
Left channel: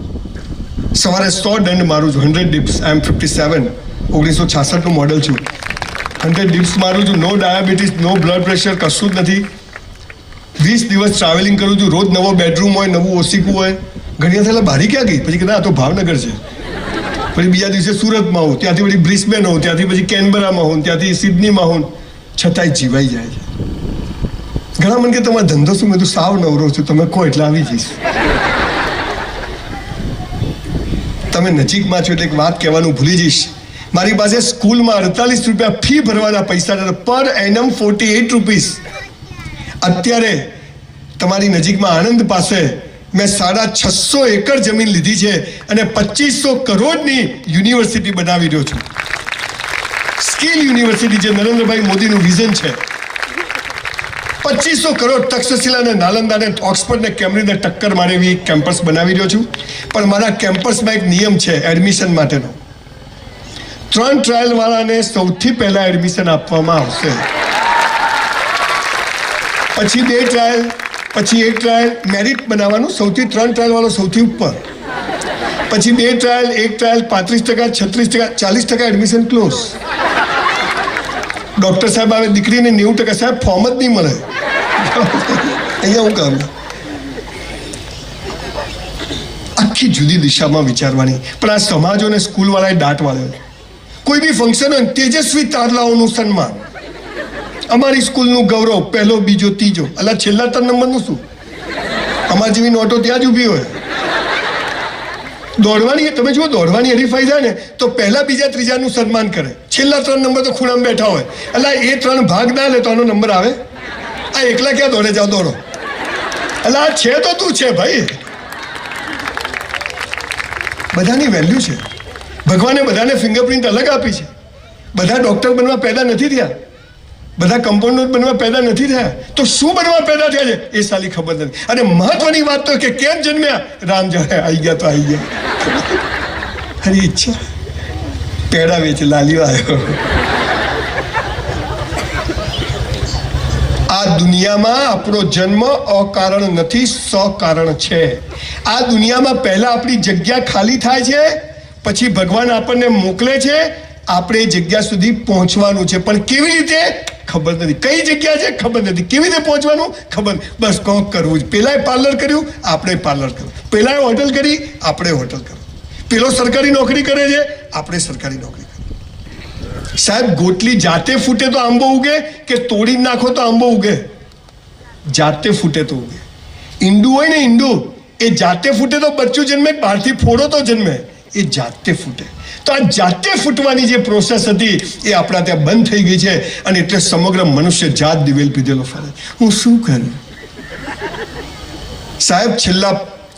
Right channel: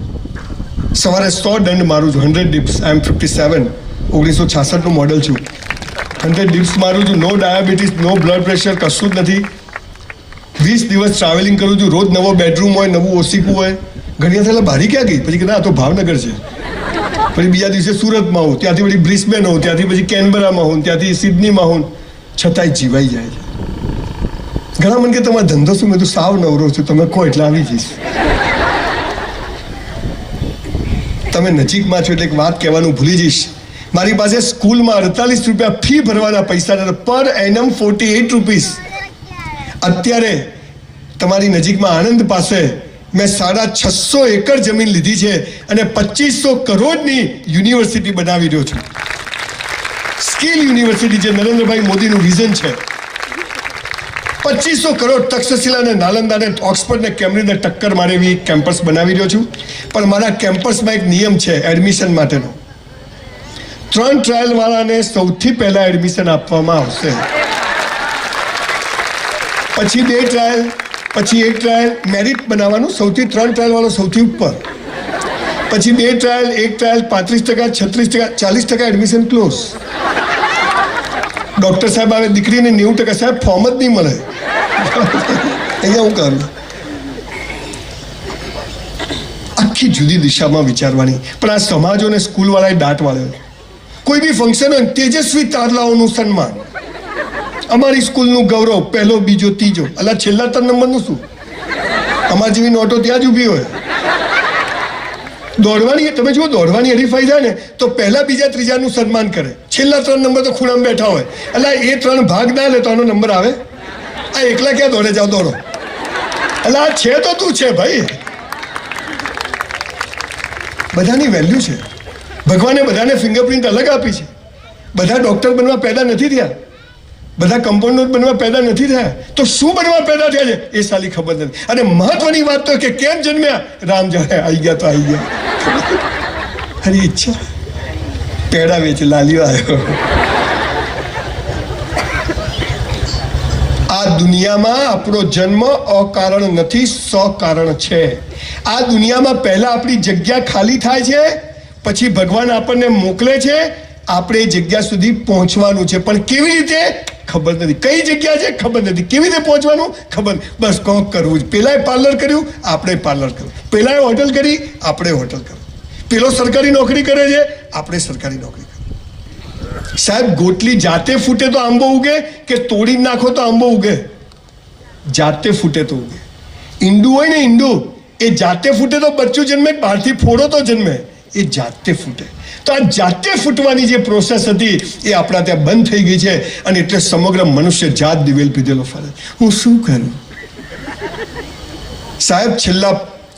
સવારે 100 દંડ મારું છું, 100 dips. I am 57, 1966 નું મોડલ છું. 100 dips મારું છું. નો ડાયાબિટીસ, નો બ્લડ પ્રેશર, કશું જ નથી. 20 દિવસ ટ્રાવેલિંગ કરું છું. રોજ નવો બેડરૂમ હોય, નવું ઓસીકું હોય. ઘણી વાર બારી ક્યાં ગઈ? પછી કે ના તો ભાવનગર છે. પછી બીજા દિવસે સુરતમાં હોઉં, ત્યાંથી પછી બ્રિસ્બેન હોઉં, ત્યાંથી પછી કેનબરામાં હોઉં, ત્યાંથી સિડનીમાં હોઉં. છતાંય જીવાઈ જાય છે. ઘણા મને કે તમારો ધંધો શું? મેં તો સાવ નવરો છું, તમે કહો એટલે આવી જઈશ. તમે નજીકમાં છો એટલે એક વાત કહેવાનું ભૂલી જઈશ. મારી પાસે સ્કૂલમાં 48 રૂપિયા ફી ભરવાના પૈસા, પર એનમ 48 રૂપીસ. અત્યારે તમારી નજીકમાં આણંદ પાસે મેં 650 એકર જમીન લીધી છે અને 2500 કરોડની યુનિવર્સિટી બનાવી રહ્યો છું. સ્કિલ યુનિવર્સિટી, જે નરેન્દ્રભાઈ મોદીનું વિઝન છે. 2500 કરોડ તક્ષશિલા ને નાલંદા ને ઓક્સફર્ડ ને કેમ્બ્રિજ ને ટક્કર મારે એવી કેમ્પસ બનાવી રહ્યો છું. પણ મારા કેમ્પસમાં એક નિયમ છે એડમિશન માટેનો. 3 ટ્રાયલ વાળાને સૌથી પહેલા એડમિશન આપવામાં આવશે. પછી 2 ટ્રાયલ, પછી 1 ટ્રાયલ. મેરિટ બનાવવાનું, સૌથી 3 ટ્રાયલ વાળો સૌથી ઉપર. પછી 2 trial, 1 trial, 35%, 36%, 40% admission close. Doctor સાહેબ આવે, દીકરીને 90%. સાહેબ ફોર્મ જ નહીં મળે. અહીંયા હું કરું આખી જુદી દિશામાં વિચારવાની. પણ આ સમાજોને સ્કૂલવાળાએ દાટ વાળ્યો. કોઈ બી ફંક્શન હોય તેજસ્વી તારલાઓનું સન્માન, અમારી સ્કૂલનું ગૌરવ, પહેલો, બીજો, ત્રીજો. અલા છેલ્લા 3 નંબરનું શું? અમારી જેવી નોટો ત્યાં જ ઊભી હોય. દોડવાની, તમે જુઓ, દોડવાની હરીફાઈ થાય ને તો પહેલા, બીજા, ત્રીજાનું સન્માન કરે. છેલ્લા 3 નંબર તો ખૂણામાં બેઠા હોય. એટલે એ 3 ભાગ ના લે તો આનો નંબર આવે. આ એકલા ક્યાં દોડે? જાઓ દોડો. એટલે આ છે તો તું છે ભાઈ. બધાની વેલ્યુ છે. ભગવાને બધાને ફિંગરપ્રિન્ટ અલગ આપી છે. બધા ડોક્ટર બનવા પેદા નથી થયા, બધા કમ્પાઉન્ડર બનવા પેદા નથી થયા. તો શું બનવા પેદા થયા છે એ સાલી ખબર નથી. અને મહત્વની વાત તો કે કેમ જન્મ્યા? રામ જાણે આવી ગયા તો આવી ગયા. હરી ઈચ્છા પેડા વેચ લાલ્યો આવ્યો. આ દુનિયામાં આપણો જન્મ અકારણ નથી, સકારણ છે. આ દુનિયામાં પહેલા આપણી જગ્યા ખાલી થાય છે, પછી ભગવાન આપણને મોકલે છે. આપણે એ જગ્યા સુધી પહોંચવાનું છે, પણ કેવી રીતે ખબર નથી. કઈ જગ્યા છે ખબર નથી, કેવી રીતે પહોંચવાનું ખબર. બસ કોક કરવું જ. પેલાએ પાર્લર કર્યું, આપણે પાર્લર કર્યું. પેલાએ હોટલ કરી, આપણે હોટલ કર્યું. પેલો સરકારી નોકરી કરે છે, આપણે સરકારી નોકરી કરી. સાહેબ ગોટલી જાતે ફૂટે તો આંબો ઉગે કે તોડી નાખો તો આંબો ઉગે? જાતે ફૂટે તો ઉગે. ઈંડું હોય ને, ઈંડું એ જાતે ફૂટે તો બચ્ચું જન્મે, બહારથી ફોડો તો જન્મે. એ જાતે ફૂટે. તો આ જાતે ફૂટવાની જે પ્રોસેસ હતી એ આપણા ત્યાં બંધ થઈ ગઈ છે. અને એટલે સમગ્ર મનુષ્ય જાત દિવેલ પીધેલો ફરે. હું શું કરું સાહેબ? છેલ્લા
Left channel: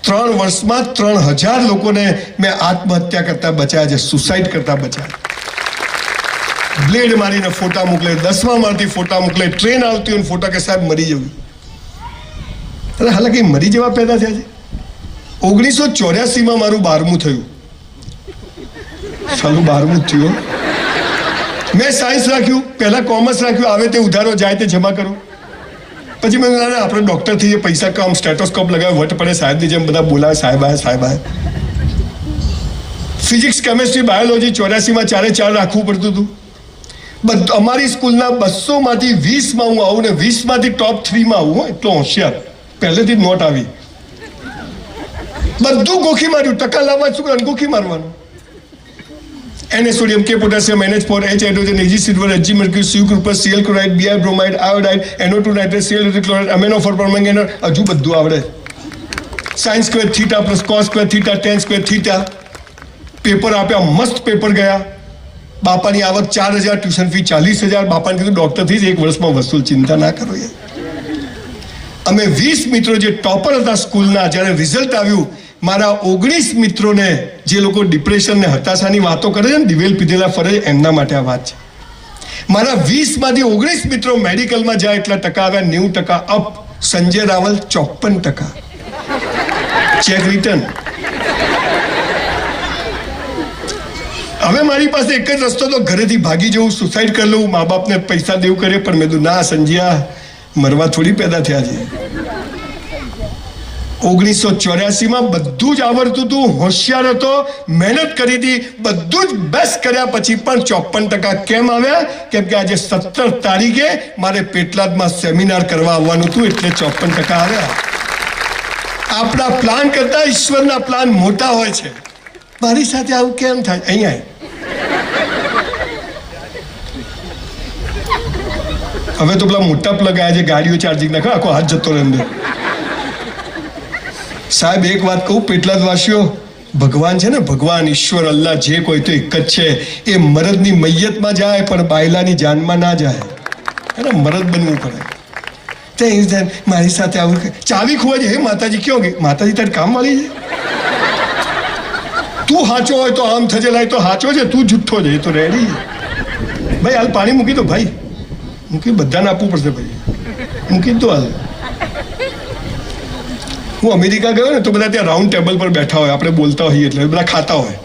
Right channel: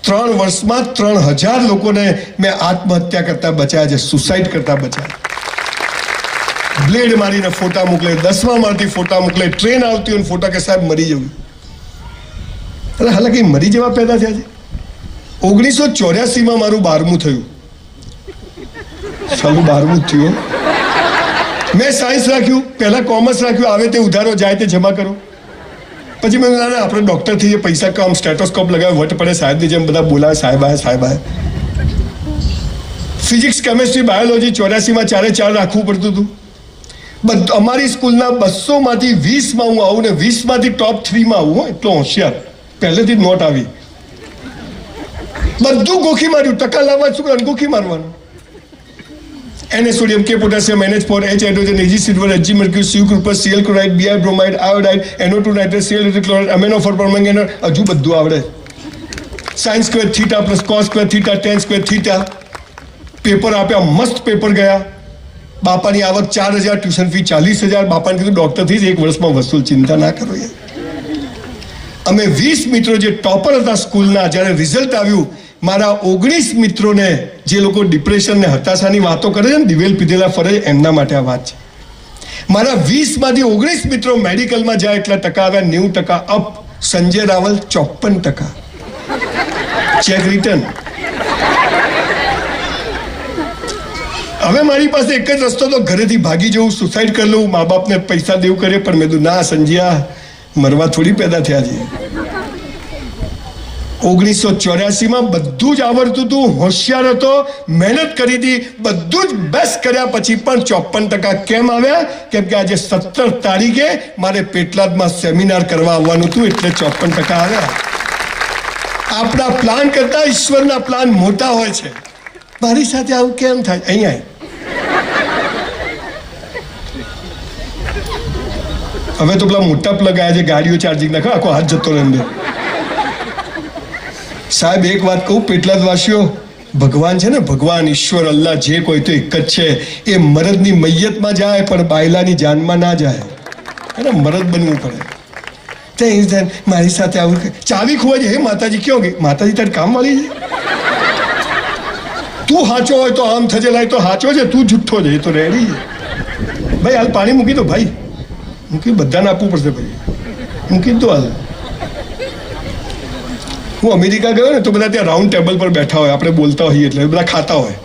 3 વર્ષમાં 3000 લોકોને મેં આત્મહત્યા કરતા બચાયા છે, સુસાઇડ કરતા બચાયા. બ્લેડ મારીને ફોટા મોકલે, 10મા માળથી ફોટા મોકલે, ટ્રેન આવતી હોય ફોટા કે સાહેબ મરી જવું. અરે હાલાકી મરી જવા પેદા થયા છે. 1984માં મારું 12મું થયું. સાલું 12મું જ થયું. મેં સાયન્સ રાખ્યું, પહેલા કોમર્સ રાખ્યું. આવે તે ઉધારો, જાય તે જમા કરો. પછી મેં ના આપણે ડૉક્ટર થઈએ, પૈસા કામ, સ્ટેટોસ્કોપ લગાવે, વટ પડે સાહેબની જેમ બધા બોલાવે, સાહેબ આયા, સાહેબ આયા. ફિઝિક્સ, કેમેસ્ટ્રી, બાયોલોજી 84માં 4 રાખવું પડતું હતું. અમારી સ્કૂલના 200માંથી 20માં હું આવું ને 20માંથી ટોપ 3માં આવું. એટલો હોશિયાર, પહેલેથી જ નોટ આવી. બધું ગોખી માર્યું. ટકા લાવવા શું કરે? ગોખી મારવાનું. Na sodium, K potassium, NH4, H hydrogen, Ag silver, Hg mercury, Cu copper, Cl chloride, Br bromide, iodide, NO2 nitrate, Cl chloride, amino for manganese. હજુ બધું આવડે. sin square theta plus cos square theta, tan square theta. Paper આપ્યા, મસ્ત paper ગયા. બાપાની આવક 4000, tuition fee 40000. બાપાને કીધું ડોક્ટર થઈ 1 વર્ષમાં વસૂલ, ચિંતા ના કરો યાર. અમે 20 મિત્રો જે ટોપર હતા સ્કૂલના, જ્યારે રિઝલ્ટ આવ્યું, મારા 19 મિત્રોને, જે લોકો ડિપ્રેશન ને હતાશાની વાતો કરે છે ને, દિવેલ પીધેલા ફરે, એમના માટે આ વાત છે. મારા 20માંથી 19 મિત્રો મેડિકલમાં જાય, એટલા ટકા આવ્યા, 90% up. Sanjay Raval 54%. Cheque return. હવે મારી પાસે એક જ રસ્તો તો ઘરેથી ભાગી જવું, સુસાઇડ કરી લઉં, મા બાપને પૈસા દેવું કરે. પણ મેં કીધું ના સંજ્યા, મરવા થોડી પેદા થયા છે. 1984માં બધું જ આવડતું હતું, હોશિયાર હતો, મહેનત કરી હતી, બધું જ બેસ્ટ કર્યા પછી પણ 54% કેમ આવ્યા? કેમ કે આજે 17 તારીખે મારે પેટલાદમાં સેમિનાર કરવા આવવાનું હતું, એટલે 54% આવ્યા. આપણા પ્લાન કરતા ઈશ્વરના પ્લાન મોટા હોય છે. મારી સાથે આવું કેમ થાય? અહીંયા હવે તો પેલા મોટા પ્લગ આવ્યા છે, ગાડીઓ ચાર્જિંગ નાખો, આખો હાથ જતો રહે અંદર. સાહેબ એક વાત કહું, પેટલાદવાસીઓ, ભગવાન છે ને, ભગવાન, ઈશ્વર, અલ્લાહ, જે કોઈ તો એક જ છે. એ મરદની મૈયતમાં જાય પણ બાયલાની જાનમાં ના જાય. એને મરદ બનવું પડે. ત્યાં મારી સાથે આવું ચાવી ખોવા છે. હે માતાજી ક્યાં ગઈ? માતાજી તારી કામ વાળી છે. તું હાચો હોય તો આમ થજે, લાય તો હાચો છે, તું જુઠ્ઠો છે, એ તો રેડી છે. ભાઈ હાલ પાણી મૂકી દો, ભાઈ મૂકી, બધાને આપવું પડશે ભાઈ, મૂકી દો હાલ. હું અમેરિકા ગયો ને તો બધા ત્યાં રાઉન્ડ ટેબલ પર બેઠા હોય, આપણે બોલતા હોઈએ એટલે બધા ખાતા હોય.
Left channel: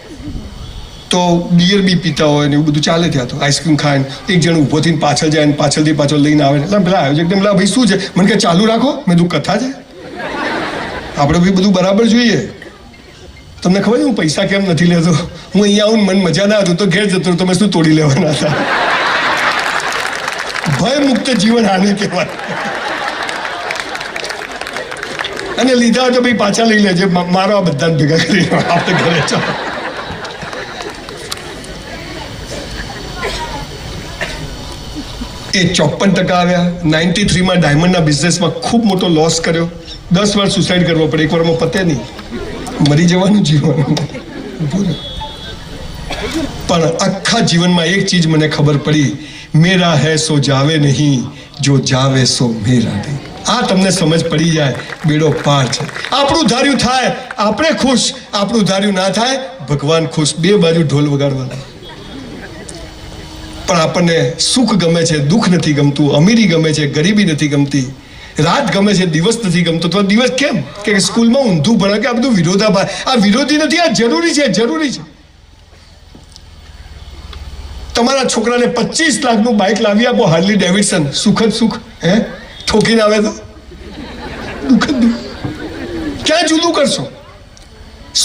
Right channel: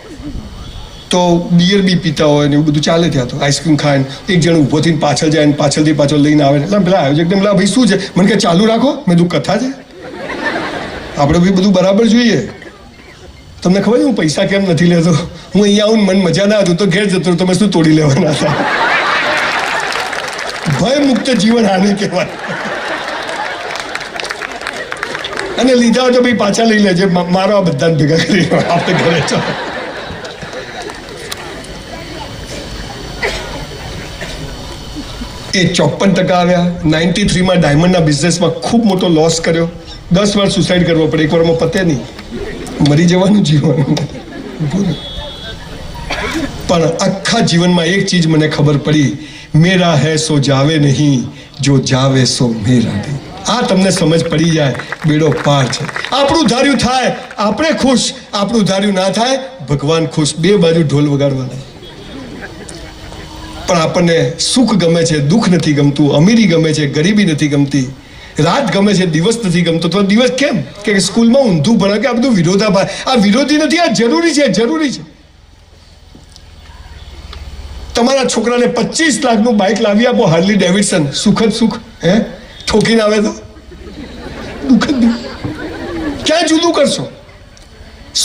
તો બિયર બી પીતા હોય ને એવું બધું ચાલે ત્યાં તો આઈસ્ક્રીમ ખાય ને એક જણ ઊભો થઈને પાછળ જાય ને પાછળથી પાછળ લઈને આવે એટલે પેલા આયોજક ને પેલા ભાઈ શું છે મને કે ચાલુ રાખો મેં તું કથા છે આપણે બી બધું બરાબર જોઈએ તમને ખબર છે હું પૈસા કેમ નથી લેતો હું અહીંયા આવું મન મજા ના હતું તો ઘેર જતો તમે શું તોડી લેવાના હતા ભય મુક્ત જીવન આને કહેવાય અને લીધા હોય તો ભાઈ પાછા લઈ લેજે મારો આ બધાને ભેગા કરી આપણે ઘરે ચાલો એ 54% આવ્યા 93 ડાયમંડના બિઝનેસમાં ખૂબ મોટો લોસ કર્યો 10 વાર સુસાઇડ કરવો પડે એક વારમાં પતે નહીં મરી જવાનું જીવન પણ આખા જીવનમાં એક ચીજ મને ખબર પડી મેરા હૈ સો જાવે નહીં જો જાવે સો મેરા નહીં આ તમને સમજ પડી જાય બેડો પાર છે આપણું ધાર્યું થાય આપણે ખુશ આપણું ધાર્યું ના થાય ભગવાન ખુશ બે બાજુ ઢોલ વગાડવાના પણ આપણને સુખ ગમે છે દુઃખ નથી ગમતું અમીરી ગમે છે ગરીબી નથી ગમતી રાત ગમે છે દિવસ નથી ગમતો તો દિવસ કેમ કે સ્કૂલમાં ઊંધું ભણે કે આ બધું વિરોધાભાસ આ વિરોધી નથી આ જરૂરી છે તમારા છોકરાને 25 લાખનું બાઇક લાવી આપો હાર્લી ડેવિડસન સુખદ સુખ હે ઠોકીને આવે તો દુઃખ જ ક્યાં જુદું કરશો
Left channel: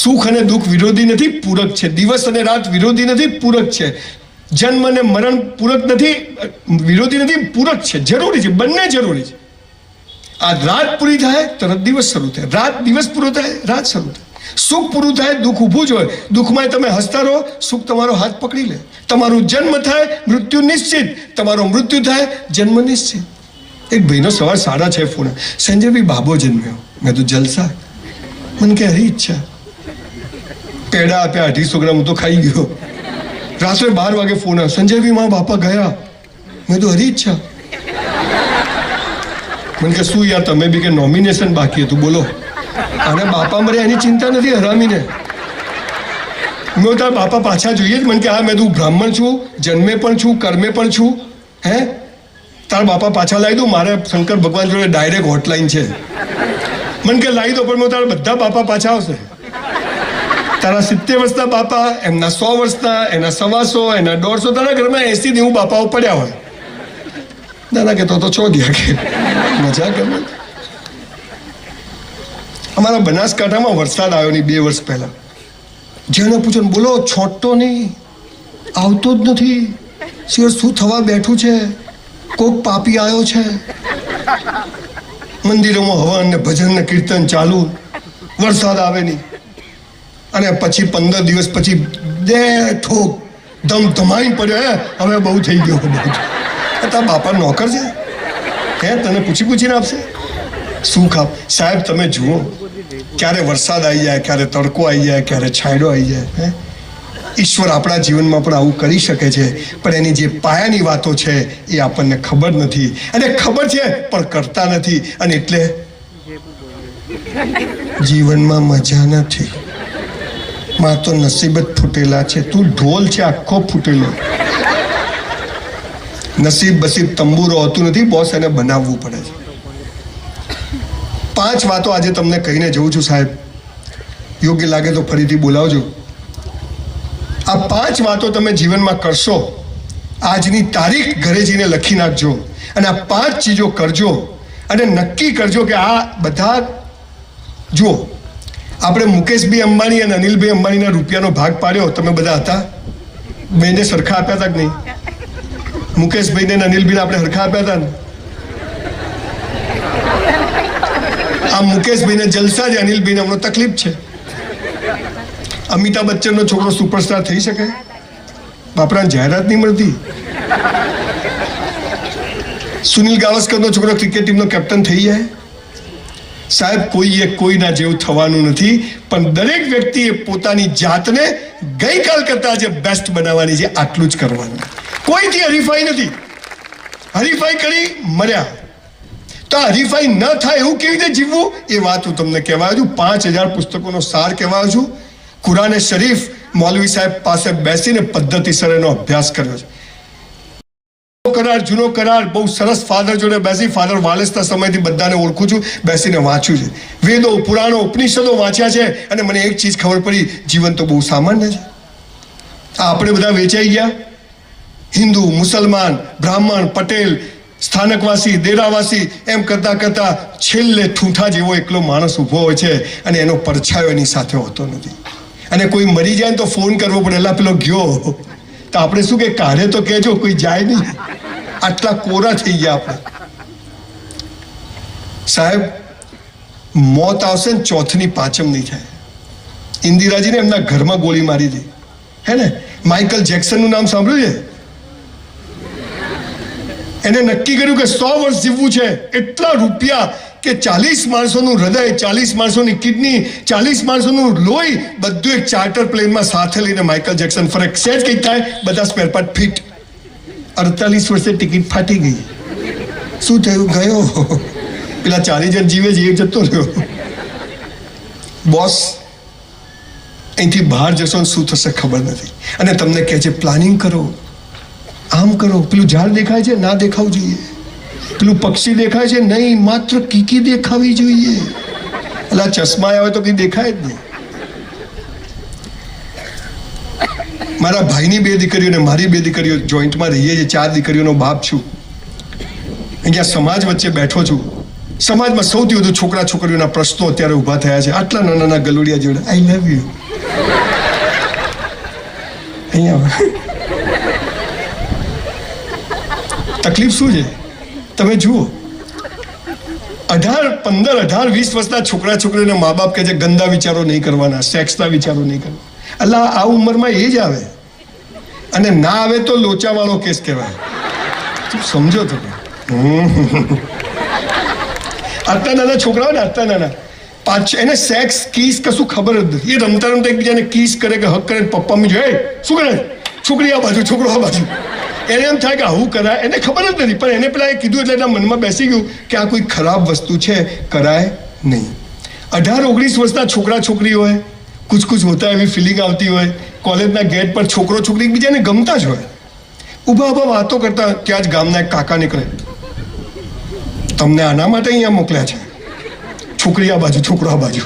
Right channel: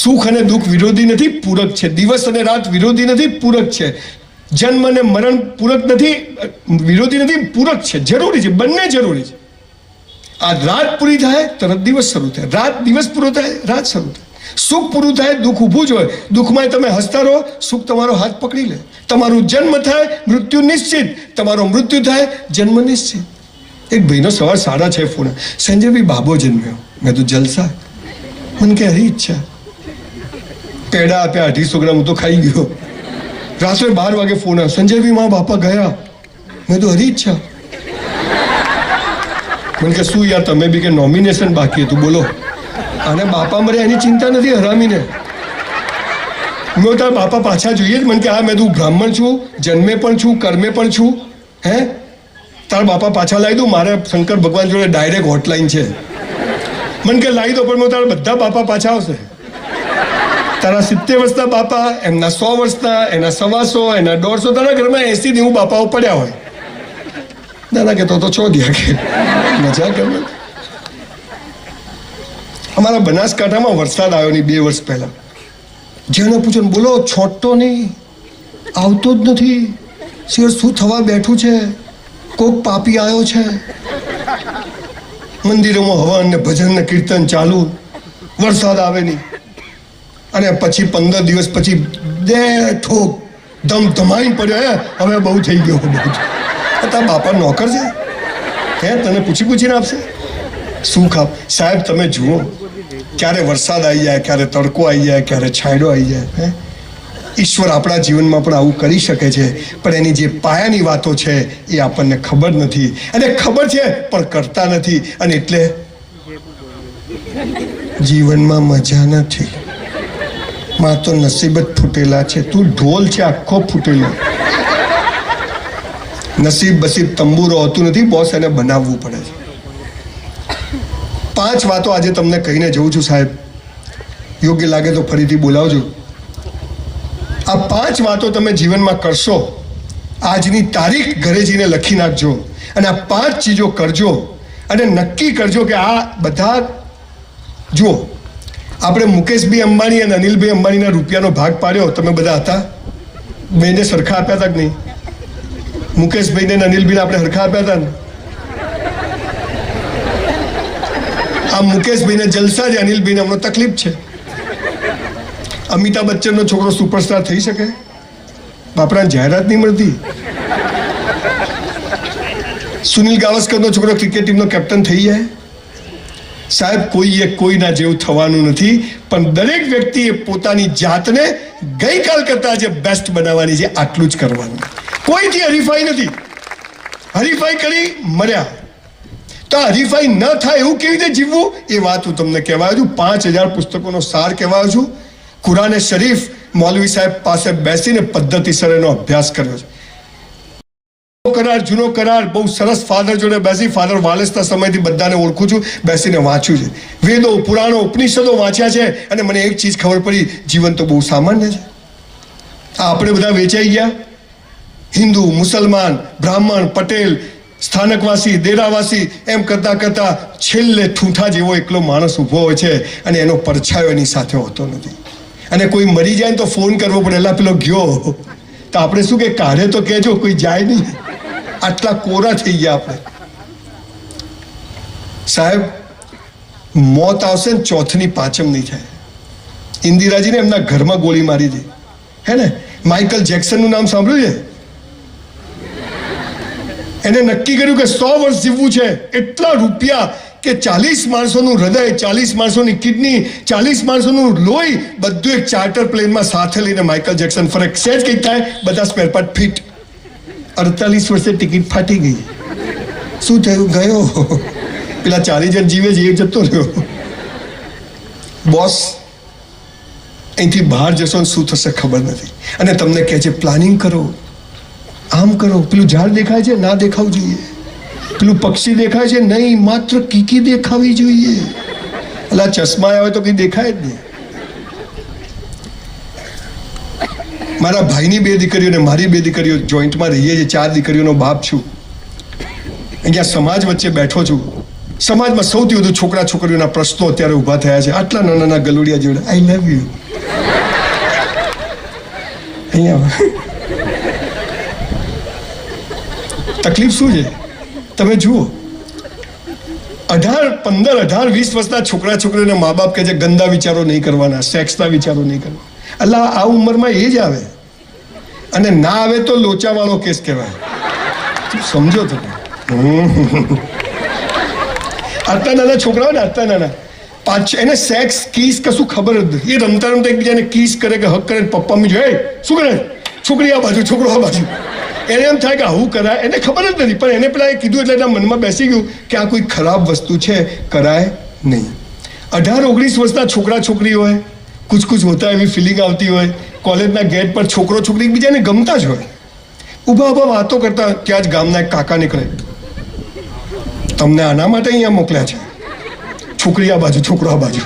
સુખ અને દુઃખ વિરોધી નથી પૂરક છે દિવસ અને રાત વિરોધી નથી પૂરક છે જન્મ અને મરણ પૂરક નથી વિરોધી નથી પૂરક છે જરૂરી છે બંને જરૂરી છે આ રાત પૂરી થાય તરત દિવસ શરૂ થાય રાત દિવસ પૂરો થાય રાત શરૂ થાય સુખ પૂરું થાય દુઃખ ઊભું જ હોય દુઃખમાં તમે હસતા રહો સુખ તમારો હાથ પકડી લે તમારું જન્મ થાય મૃત્યુ નિશ્ચિત તમારો મૃત્યુ થાય જન્મ નિશ્ચિત એક ભાઈનો સવાર 6:30 ફોન સંજયભાઈ બાબો જન્મ્યો મેં તો જલસા મને કે હરી ઈચ્છા પેડા આપ્યા 250 ગ્રામ તો ખાઈ ગયો રાત્રે 12 વાગે ફોન આવ્યો સંજયભાઈ મારા બાપા ગયા મેં તો હરી ઈચ્છા મને કે શું યાર તમે બી કે નોમિનેશન બાકી હતું બોલો અને બાપા મરે એની ચિંતા નથી હરામીને મેં તારા બાપા પાછા જોઈએ જ મને કે હા મેં તું બ્રાહ્મણ છું જન્મે પણ છું કર્મે પણ છું હે તારા બાપા પાછા લાવી દઉં મારે શંકર ભગવાન જોડે ડાયરેક્ટ હોટલાઈન છે મને કે લાવી દો પણ મેં તારા બધા બાપા પાછા આવશે તારા 70 વર્ષના બાપા એમના 100 વર્ષના એના 125 એના 150 તારા ઘરમાં 80 હું બાપાઓ પડ્યા હોય દાદા કે તો છો ગયા કે મજા કરે અમારા બનાસકાંઠામાં વરસાદ આવ્યો નહીં 2 વર્ષ પહેલા જેને પૂછો ને બોલો છોટતો નહીં આવતો જ નથી શેર શું થવા બેઠું છે કોક પાપી આવ્યો છે મંદિરોમાં હવન ને ભજન ને કીર્તન ચાલુ વરસાદ આવે નહીં અને પછી 15 દિવસ પછી બે ઠોક ધમધમાઈ પડ્યો હવે બહુ થઈ ગયો બહુ તારા બાપા નોકર છે હે તને પૂછીને આપશે શું ખાપ સાહેબ તમે જુઓ ક્યારે વરસાદ આવી જાય ક્યારે તડકો આવી જાય ક્યારે છાંયડો આવી જાય હે ઈશ્વર આપણા જીવનમાં પણ આવું કરી શકે છે પણ એની જે પાયાની વાતો છે એ આપણને ખબર નથી અને ખબર છે પણ કરતા નથી અને એટલે જીવનમાં મજા નથી માં તો નસીબ જ ફૂટેલા છે તું ઢોલ છે આખો ફૂટેલો નસીબ બસીબ તંબુરો હોતું નથી બોસ એને બનાવવું પડે છે 5 વાતો આજે તમને કહીને જઉં છું સાહેબ યોગ્ય લાગે તો ફરીથી બોલાવજો આ 5 વાતો તમે જીવનમાં કરશો આજની તારીખ ઘરે જઈને લખી નાખજો અને આ 5 ચીજો કરજો અને નક્કી કરજો કે આ બધા જુઓ આપણે મુકેશભાઈ અંબાણી અને અનિલભાઈ અંબાણીના રૂપિયાનો ભાગ પાડ્યો તમે બધા હતા બેને સરખા આપ્યા હતા કે નહીં મુકેશભાઈને અને અનિલભાઈને આપણે સરખા આપ્યા હતા ને આ મુકેશભાઈને જલસા છે અનિલભાઈને હમણાં તકલીફ છે અમિતાભ બચ્ચનનો છોકરો સુપરસ્ટાર થઈ શકે બાપરાને જાહેરાત નહીં મળતી સુનિલ ગાવસ્કરનો છોકરો ક્રિકેટ ટીમનો કેપ્ટન થઈ જાય સાહેબ કોઈના જેવું થવાનું નથી પણ દરેક વ્યક્તિએ પોતાની જાતને ગઈકાલ કરતા આજે બેસ્ટ બનાવવાની છે આટલું જ કરવાનું કોઈથી હરીફાઈ નથી હરીફાઈ કરી મર્યા તો હરીફાઈ ન થાય એવું કેવી રીતે જીવવું એ વાત હું તમને કહેવાયો છું 5000 પુસ્તકોનો સાર કહેવાયો છું કુરાને શરીફ મૌલવી સાહેબ પાસે બેસીને પદ્ધતિસર એનો અભ્યાસ કર્યો છે કરાર જૂનો કરાર બહુ સરસ ફાધર જોડે બેસી ફાધર વાલેસના સમયથી બધાને ઓળખું છું બેસીને વાંચ્યું છે વેદો પુરાણો ઉપનિષદો વાંચ્યા છે અને મને એક ચીજ ખબર પડી જીવન તો બહુ સામાન્ય છે આપણે બધા વેચાઈ ગયા. હિન્દુ, મુસલમાન, બ્રાહ્મણ, પટેલ, સ્થાનકવાસી, દેરાવાસી, એમ કરતા કરતા છેલ્લે ઠૂંઠા જેવો એકલો માણસ ઊભો હોય છે અને એનો પડછાયો એની સાથે હોતો નથી. અને કોઈ મરી જાય ને તો ફોન કરવો પડે, એલા પેલો ગયો. તો આપણે શું કે કાઢે તો કહેજો, કોઈ જાય નહીં. આટલા કોરા થઈ ગયા આપણે. સાહેબ, મોત આવશે ને ચોથની પાંચમ નહીં થાય. ઇન્દિરાજીને એમના ઘરમાં ગોળી મારી હતી, હે ને? માઇકલ જેક્સનનું નામ સાંભળ્યું છે? એને નક્કી કર્યું કે 100 વર્ષ જીવવું છે. એટલા રૂપિયા કે 40 માણસોનું હૃદય, 40 માણસોની કિડની, 40 માણસોનું લોહી બધું એક ચાર્ટર પ્લેનમાં સાથે લઈને માઇકલ જેક્સન ફરે. સેજ કંઈક થાય, બધા સ્પેર પાર્ટ ફિટ. 48 વર્ષે ટિકિટ ફાટી ગઈ. શું થયું? ગયો. પેલા 40 જણ જીવે છે, એક જતો રહ્યો. બોસ, અહીંથી બહાર જશો ને શું થશે ખબર નથી. અને તમને કહે છે પ્લાનિંગ કરો, આમ કરો. પેલું ઝાડ દેખાય છે, ના દેખાવું જોઈએ. પેલું પક્ષી દેખાય છે, નહીં, માત્ર કીકી દેખાવી જોઈએ. એટલે ચશ્મા આવે તો કંઈ દેખાય જ નહીં. મારા ભાઈની 2 દીકરીઓ ને મારી 2 દીકરીઓ જોઈન્ટમાં રહીએ છીએ. 4 દીકરીઓનો બાપ છું. અહીંયા સમાજ વચ્ચે બેઠો છું. સમાજમાં સૌથી વધુ છોકરા છોકરીઓના પ્રશ્નો અત્યારે ઊભા થયા છે. આટલા નાના નાના ગલુડિયા જોડે આઈ લવ યુ. અહીંયા તકલીફ શું છે તમે જુઓ. 18, 15, 18, 20 વર્ષના છોકરા છોકરીઓને મા બાપ કહે છે ગંદા વિચારો નહીં કરવાના, સેક્સના વિચારો નહીં કરવા. એટલે આ ઉંમરમાં એ જ આવે, અને ના આવે તો લોચાવાળો કેસ કહેવાય. સમજો તમે. આટલા નાના છોકરાઓ ને, આટલા નાના, એને સેક્સ, કીસ કશું ખબર જ નથી. એ રમતા રમતા એકબીજાને કીસ કરે કે હક કરે. પપ્પા મી જોઈએ શું કરે, છોકરી આ બાજુ, છોકરો આ બાજુ. એને એમ થાય કે આવું કરાય, એને ખબર જ નથી. પણ એને પેલા એ કીધું એટલે એના મનમાં બેસી ગયું કે આ કોઈ ખરાબ વસ્તુ છે, કરાય નહીં. 18, 19 વર્ષના છોકરા છોકરી હોય, કુછ કુછ હોતા એવી ફિલિંગ આવતી હોય. કોલેજના ગેટ પર છોકરો છોકરી એકબીજાને ગમતા જ હોય. ઊભા ઊભા વાતો કરતા ત્યાં જ ગામના એક કાકા નીકળે, તમને આના માટે અહીંયા મોકલ્યા છે, છોકરી આ બાજુ, છોકરો આ બાજુ.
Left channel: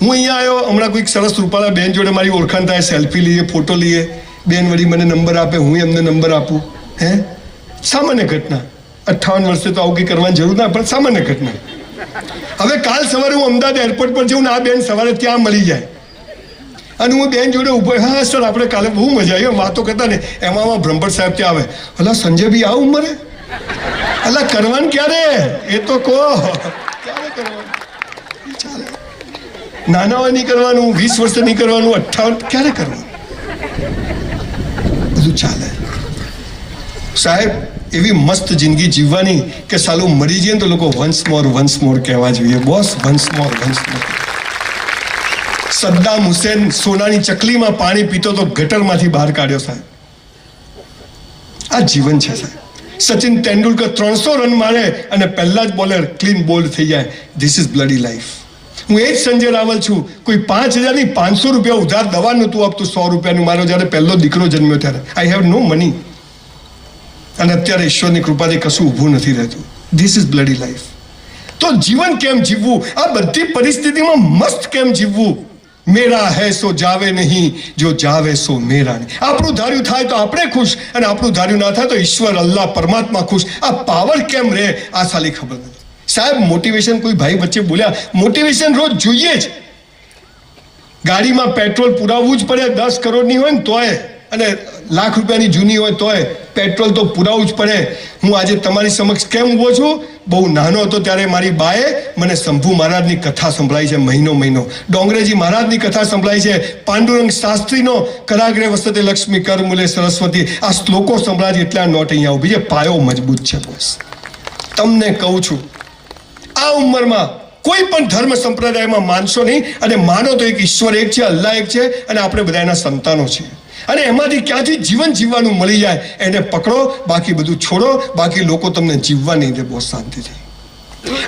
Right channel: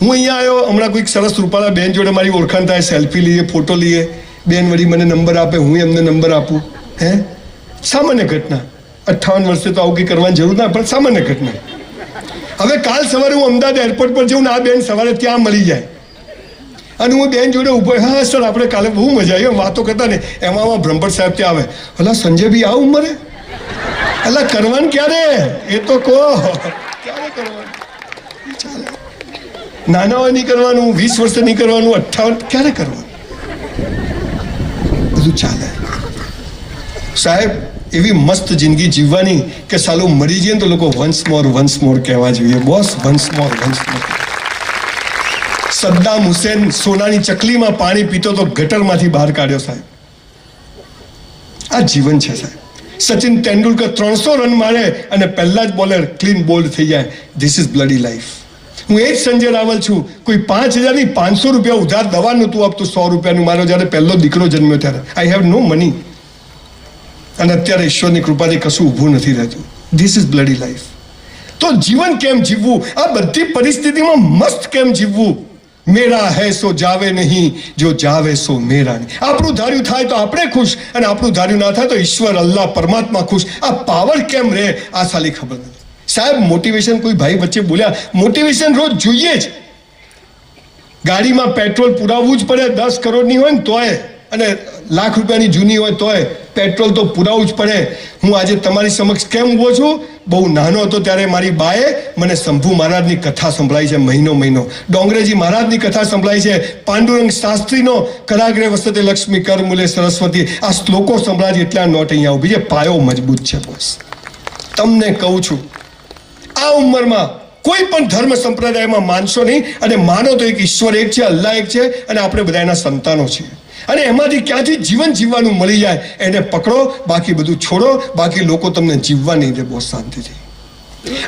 હું અહીંયા આવ્યો, હમણાં કોઈક સરસ રૂપાળા બેન જોડે મારી ઓળખાણ થાય, સેલ્ફી લઈએ, ફોટો લઈએ. બેન વળી મને નંબર આપે, હું એમને નંબર આપું. હે, સામાન્ય ઘટના. 58 વર્ષે તો આવું કંઈ કરવાની જરૂર ના, પણ સામાન્ય ઘટના. હવે કાલ સવારે હું અમદાવાદ એરપોર્ટ પર જઉં ને આ બેન સવારે ત્યાં મળી જાય અને હું બેન જોડે ઉભો, હા સર આપણે કાલે બહુ મજા આવી વાતો કરતા ને. એમાં બ્રહ્મભટ્ટ સાહેબ ત્યાં આવે, હલા સંજયભાઈ આ ઉંમરે, અલા કરવાનું ક્યારે, એ તો કહો ક્યારે કરવાનું? ચાલે, નાના હોય નહીં કરવાનું, 20 વર્ષે નહીં કરવાનું, 58 ક્યારે કરવાનું? બધું ચાલે. સાહેબ, એવી મસ્ત જિંદગી જીવવાની કે સાલું મરી જઈએ તો લોકો વન્સ મોર કહેવા જોઈએ. Boss, once more. Saddam Hussein સોનાની ચકલીમાં પાણી પીતો તો ગટરમાંથી બહાર કાઢ્યો. સાહેબ, આ જીવન છે. સાહેબ, સચિન તેંડુલકર 300 રન મારે અને પહેલા જ બોલર ક્લીન બોલ્ડ થઈ જાય. This is bloody life. હું એ જ સંજય રાવલ છું. કોઈ 5,000 ની 500 રૂપિયા ઉધાર દવા નહોતું આપતું, 100 રૂપિયાનું. મારો જ્યારે પહેલો દીકરો જન્મ્યો ત્યારે આઈ હેવ નો મની. અને અત્યારે ઈશ્વરની કૃપાથી કશું ઊભું નથી રહેતું. This is bloody life. તો જીવન કેમ જીવવું? આ બધી પરિસ્થિતિમાં મસ્ત કેમ જીવવું? મેરા હૈ સો જાવે નહીં, જો જાવે સો મેરા નહીં. આપણું ધાર્યું થાય તો આપણે ખુશ, અને આપણું ધાર્યું ના થાય તો ઈશ્વર, અલ્લાહ, પરમાત્મા ખુશ. આ પાવર કેમ રહે આ સાલી ખબર નથી. સાહેબ, મોટિવેશન, કોઈ ભાઈ વચ્ચે બોલ્યા, મોટિવેશન રોજ જોઈએ જ. ગાડીમાં પેટ્રોલ પુરાવવું જ પડે. 10 કરોડની હોય ને તોય, અને લાખ રૂપિયાની જૂની હોય તોય પેટ્રોલ તો પુરાવવું જ પડે. હું આજે તમારી સમક્ષ કેમ ઊભો છું? બહુ નાનો હતો ત્યારે મારી બાએ મને શંભુ મહારાજની કથા સંભળાઈ છે. મહિનો ડોંગરેજી મહારાજની કથા સંભળાઈ છે. પાંડુરંગ શાસ્ત્રીનો કરાગ્રે વસતે લક્ષ્મી કર મૂલે સરસ્વતી. આ શ્લોકો સંભળાય છે એટલે આ નોટ અહીંયા ઊભી છે. પાયો મજબૂત છે. બોસ, તમને કહું છું, આ ઉંમરમાં કોઈ પણ ધર્મ સંપ્રદાયમાં માનશો નહીં, અને માનો તો એક ઈશ્વર એક છે, અલ્લાહ એક છે, અને આપણે બધા એના સંતાનો છીએ. અને એમાંથી ક્યાંથી જીવન જીવવાનું મળી જાય એને પકડો, બાકી બધું છોડો. બાકી લોકો તમને જીવવા નહીં દે. બહુ શાંતિથી.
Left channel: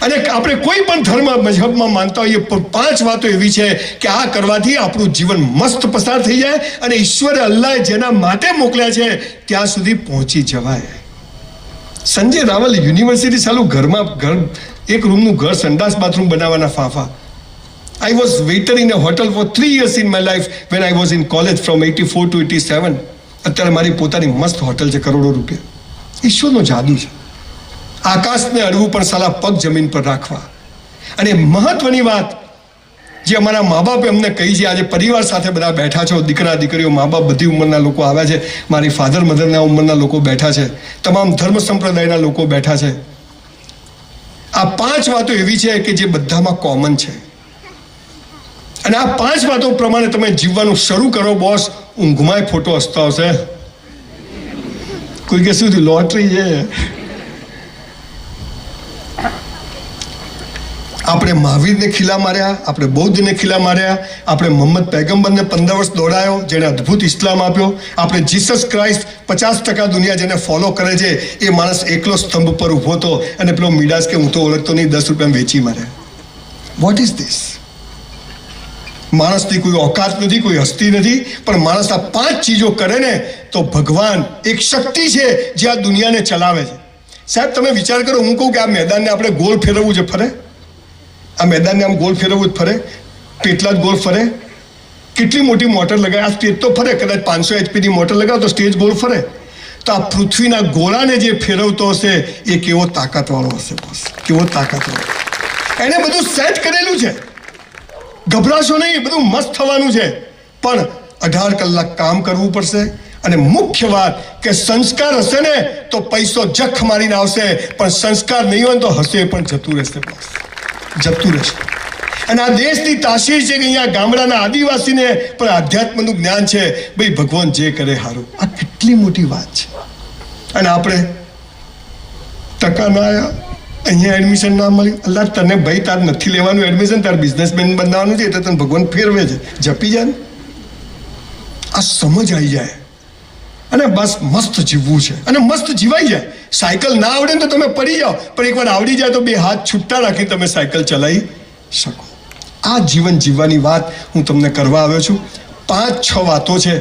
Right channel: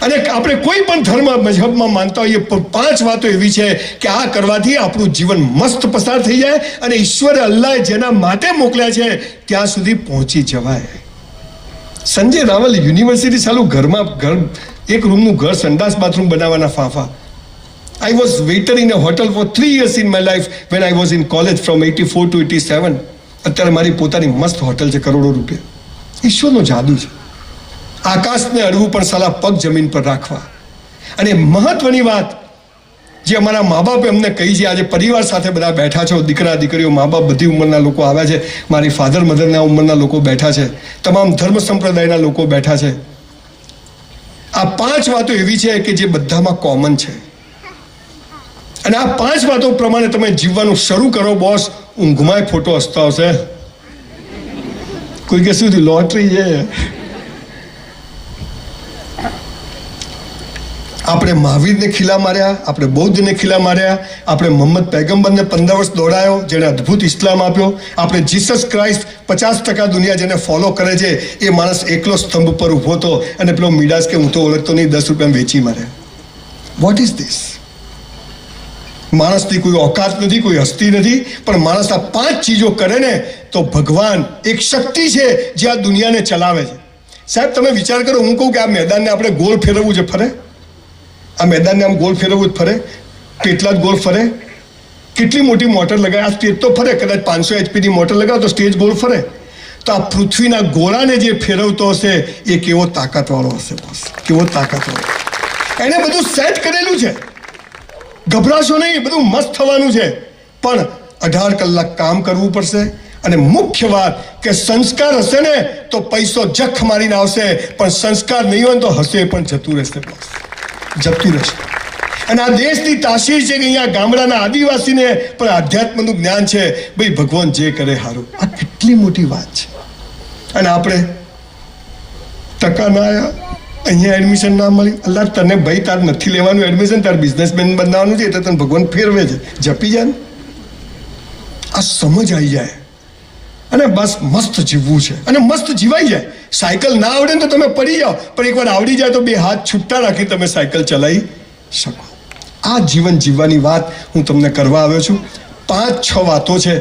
અને આપણે કોઈ પણ ધર્મ મજહબમાં માનતા હોઈએ, 5 વાતો એવી છે કે આ કરવાથી આપણું જીવન મસ્ત પસાર થઈ જાય, અને ઈશ્વરે, અલ્લાહે જેના માટે મોકલ્યા છે ત્યાં સુધી પહોંચી જવાય. સંજય રાવલ યુનિવર્સિટી ચાલુ ઘરમાં, એક રૂમનું ઘર, સંડાસ બાથરૂમ બનાવવાના ફાંફા. I was waiter in a hotel for 3 years in my life when I was in college from 84 to 87. અત્યારે મારી પોતાની મસ્ત હોટલ છે, કરોડો રૂપિયા. ઈશ્વરનો જાદુ છે. આકાશને અડવું પણ સાલા પગ જમીન પર રાખવા. અને મહત્વની વાત જે અમારા મા બાપે અમને કહી છે, આજે પરિવાર સાથે બધા બેઠા છો, દીકરા દીકરીઓ, મા બાપ, બધી ઉંમરના લોકો આવ્યા છે, મારી ફાધર મધરના ઉંમરના લોકો બેઠા છે, તમામ ધર્મ સંપ્રદાયના લોકો બેઠા છે. આ 5 વાતો એવી છે કે જે બધામાં કોમન છે. અને આ 5 વાતો પ્રમાણે તમે જીવવાનું શરૂ કરો બોસ, ઊંઘમાં ફોટો હસતો આવશે. કોઈ કે સુધી લોટરી છે. આપણે મહાવીરને ખીલા માર્યા, આપણે બૌદ્ધને ખીલા માર્યા, આપણે મોહમ્મદ પૈગંબરને 15 વર્ષ દોડાયો, જેણે અદ્ભુત ઇસ્લામ આપ્યો. આપણે જીસસ ક્રાઇસ્ટ 50% દુનિયા જેને ફોલો કરે છે, એ માણસ એકલો સ્તંભ પર ઊભો હતો અને પેલો મીડાસ કે હું તો ઓળખતો નહીં, 10 રૂપિયા વેચી માર્યા. What is this? માણસની કોઈ ઓકાત નથી, કોઈ હસ્તી નથી, પણ માણસ આ 5 ચીજો કરે ને તો ભગવાન એક શક્તિ છે જે આ દુનિયાને ચલાવે છે. સાહેબ તમે વિચાર કરો, હું કહું કે આ મેદાનને આપણે ગોળ ફેરવવું છે, ફરે? આ મેદાનને આમ ગોળ ફેરવવું જ ફરે? કેટલા જ ગોળ ફરે? કેટલી મોટી મોટર લગાવે? આ સ્ટેજ તો ફરે, કદાચ 500 HP મોટર લગાવો તો સ્ટેજ ગોળ ફરે. તો આ પૃથ્વીના ગોળાને જે ફેરવતો હશે એ કેવો તાકાતવાળો હશે બોસ, કેવો તાકાતવાળો. એને બધું સેટ કરેલું છે. ગભરાશો નહીં, બધું મસ્ત થવાનું છે, પણ 18 કલાક કામ કરવું પડશે. અને મુખ્ય વાત કે સંસ્કાર હશે ને તો પૈસો જખ મારીને આવશે, પણ સંસ્કાર નહીં હોય તો હશે પણ જતું રહેશે બોસ, જતું રહેશે. અને આ દેશની તાસીર છે કે અહીંયા ગામડાના આદિવાસીને પણ આધ્યાત્મનું જ્ઞાન છે. ભાઈ ભગવાન જે કરે સારું. આ કેટલી મોટી વાત છે. અને આપણે ટકા ના આવ્યા, અહીંયા એડમિશન ના મળ્યું. અલ્લાહ તને ભાઈ તાર નથી લેવાનું એડમિશન, તાર બિઝનેસમેન બનાવવાનું છે, એટલે તને ભગવાન ફેરવે છે. જપી જાય ને, આ સમજ આવી જાય અને બસ મસ્ત જીવવું છે અને મસ્ત જીવાઈ જાય. સાયકલ ના આવડે ને તો તમે પડી જાઓ, પણ એકવાર આવડી જાય તો 2 હાથ છૂટા રાખી તમે સાયકલ ચલાવી શકો. આ જીવન જીવવાની વાત હું તમને કરવા આવ્યો છું. 5-6 વાતો છે.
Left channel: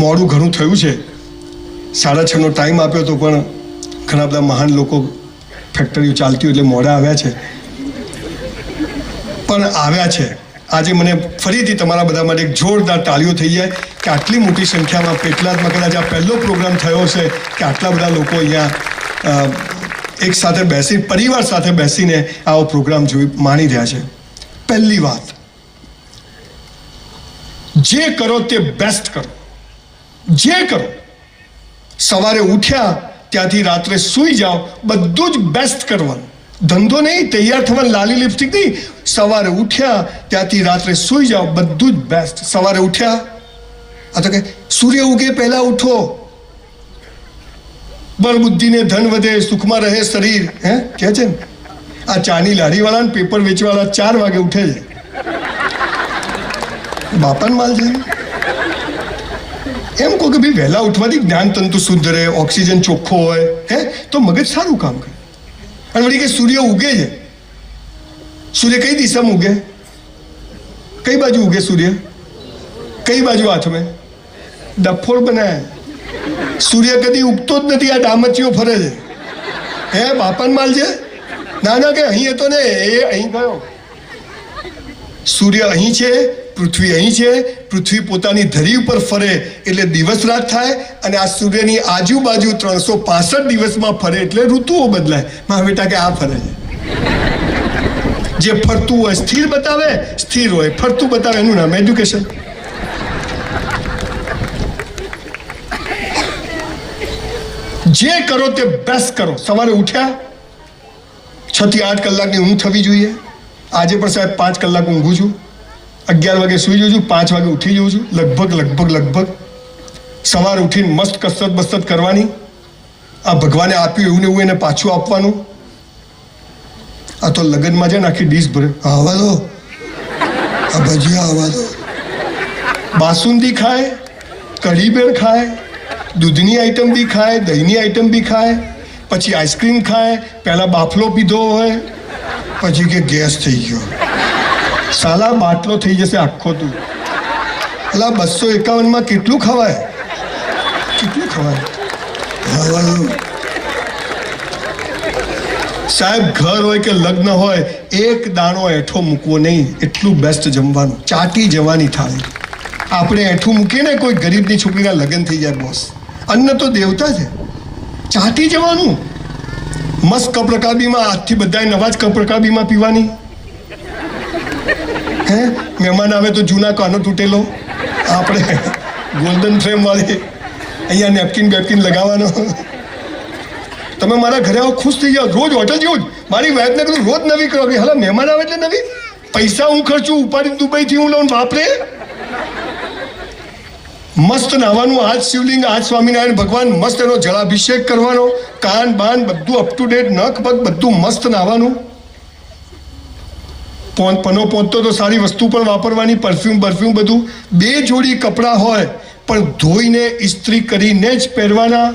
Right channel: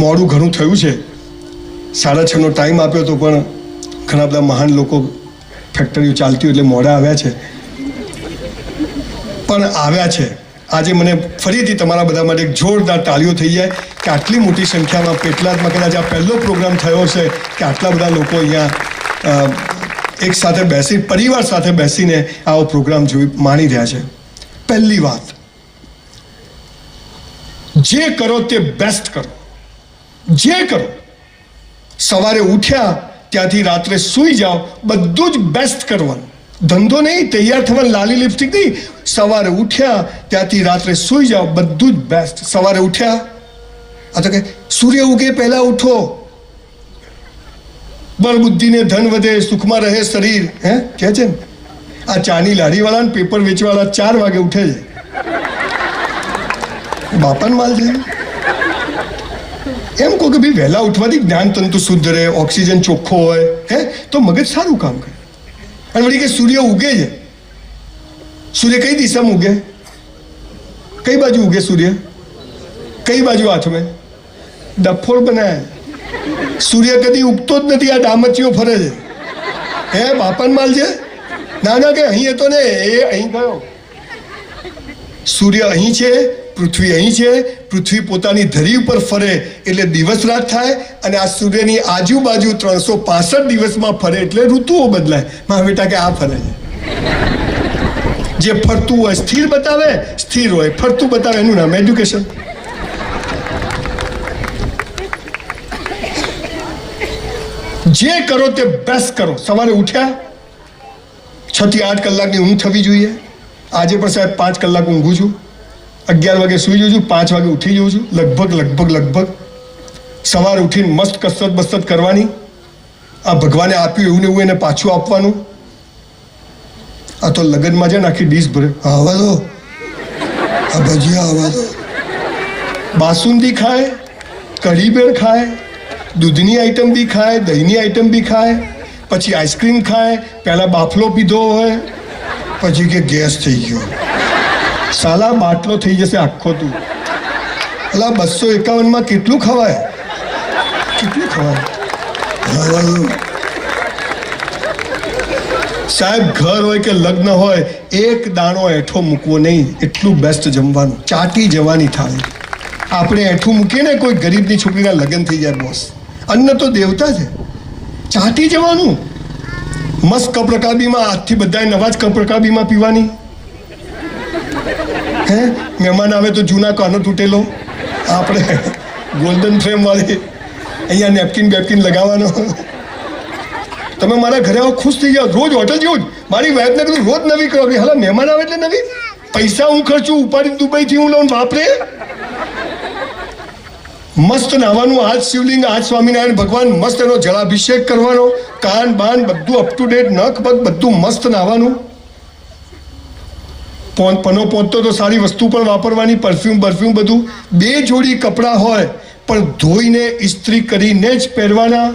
મોડું ઘણું થયું છે, 6:30નો ટાઈમ આપ્યો તો પણ ઘણા બધા મહાન લોકો ફેક્ટરીઓ ચાલતી હોય એટલે મોડા આવ્યા છે, પણ આવ્યા છે. આજે મને ફરીથી તમારા બધા માટે એક જોરદાર તાળીઓ થઈ જાય કે આટલી મોટી સંખ્યામાં પેટલાદમાં કદાચ આ પહેલો પ્રોગ્રામ થયો છે કે આટલા બધા લોકો અહીંયા એક સાથે બેસી, પરિવાર સાથે બેસીને આવો પ્રોગ્રામ જોઈ માણી રહ્યા છે. પહેલી વાત, જે કરો તે બેસ્ટ કરો. જે કરો, સવારે ઉઠ્યા ત્યાંથી રાત્રે સૂઈ જાઓ, બધું જ બેસ્ટ કરવાનું. ધંધો નહીં, તૈયાર થવાનું, લાલી લિપસ્ટિક નહીં. સવારે ઉઠ્યા ત્યાંથી રાત્રે સૂઈ જાઓ, બધું જ બેસ્ટ. સવારે ઉઠ્યા, આ તો કે સૂર્ય ઉગે પહેલા ઉઠો, બળ બુદ્ધિને ધન વધે, સુખમાં રહે શરીર. હે કે છે ને આ ચાની લારીવાળા ને પેપર વેચવાળા 4 વાગે ઉઠે છે. બાપાને માલ છે. એમ કહો કે ભાઈ વહેલા ઉઠવાથી જ્ઞાન તંતુ શુદ્ધ રહે, ઓક્સિજન ચોખ્ખો હોય, હે તો મગજ સારું કામ કરે. અને વળી કે સૂર્ય ઉગે છે, સૂર્ય કઈ દિશામાં ઉગે? કઈ બાજુ ઉગે સૂર્ય? કઈ બાજુ હાથમાં? ડફોળ બનાય. સૂર્ય કદી ઉગતો જ નથી, આ ડામચીઓ ફરે છે. હે બાપાન માલ છે? ના ના કે અહીં હતો ને, એ અહીં ગયો. સૂર્ય અહીં છે, પૃથ્વી અહીં છે. પૃથ્વી પોતાની ધરી ઉપર ફરે એટલે દિવસ રાત થાય, અને આ સૂર્યની આજુબાજુ 365 દિવસમાં ફરે એટલે ઋતુઓ બદલાય. મારા બેટા કે આ ફરે છે. જે ફરતું હોય સ્થિર બતાવે, સ્થિર હોય ફરતું બતાવે, એનું નામ એજ્યુકેશન. જે કરો તે બેસ્ટ કરો. સવારે ઉઠ્યા 6 થી 8 કલાકની ઊંઘ થવી જોઈએ. આજે પણ સાહેબ 5 કલાક ઊંઘું છું. 11 વાગે સૂઈ જઉં છું, 5 વાગે ઉઠી જઉં છું. લગભગ સવારે ઉઠીને મસ્ત કસરત બસરત કરવાની. આ ભગવાને આપ્યું એવું ને એવું એને પાછું આપવાનું. આ તો લગ્નમાં છે ને આખી ડીશ ભરે, આવા દો, આ ભજીયા આવા દો. બાસુંદી ખાય, કઢી બેર ખાય, દૂધની આઈટમ બી ખાય, દહીંની આઈટમ બી ખાય, પછી આઈસ્ક્રીમ ખાય. પહેલા બાફલો પીધો હોય, પછી કે ગેસ થઈ ગયો. સાલા બાટલો થઈ જશે આખો. તું અલા 251માં કેટલું ખવાય? કેટલું ખવાય? સાહેબ ઘર હોય કે લગ્ન હોય, એક દાણો એઠો મૂકવો નહીં, એટલું બેસ્ટ જમવાનું, ચાટી જવાની થાળી. આપણે એઠું મૂકીએ ને કોઈ ગરીબની છોકરીના લગ્ન થઈ જાય બોસ, અન્ન તો દેવતા છે, ચાટી જવાનું. મસ્ત કપ રકાબીમાં આજથી બધાએ નવા જ કપ રકાબીમાં પીવાની. હે મહેમાન આવે તો જૂના કાનો તૂટેલો, આપણે ગોલ્ડન ફ્રેમ વાળી અહીંયા નેપકિન બેપકિન લગાવવાનો. તમે મારા ઘરે આવો ખુશ થઈ જાઓ, રોજ હોટલ જેવું જ. મારી વાઈફને કીધું રોજ નવી કરો કે હાલા મહેમાન આવે એટલે નવી. પૈસા હું ખર્ચું, ઉપાડી દુબઈથી હું લઉં, બાપરે. મસ્ત નાવાનું, આજ શિવલિંગ, આજ સ્વામિનારાયણ ભગવાન, મસ્ત એનો જળાભિષેક કરવાનો, કાન બાન બધું અપ ટુ ડેટ, નખ પગ બધું મસ્ત નાવાનું. પનો પહોંચતો તો સારી વસ્તુ પણ વાપરવાની, પરફ્યુમ બરફ્યુમ બધું. 2 જોડી કપડાં હોય પણ ધોઈને ઇસ્ત્રી કરીને જ પહેરવાના.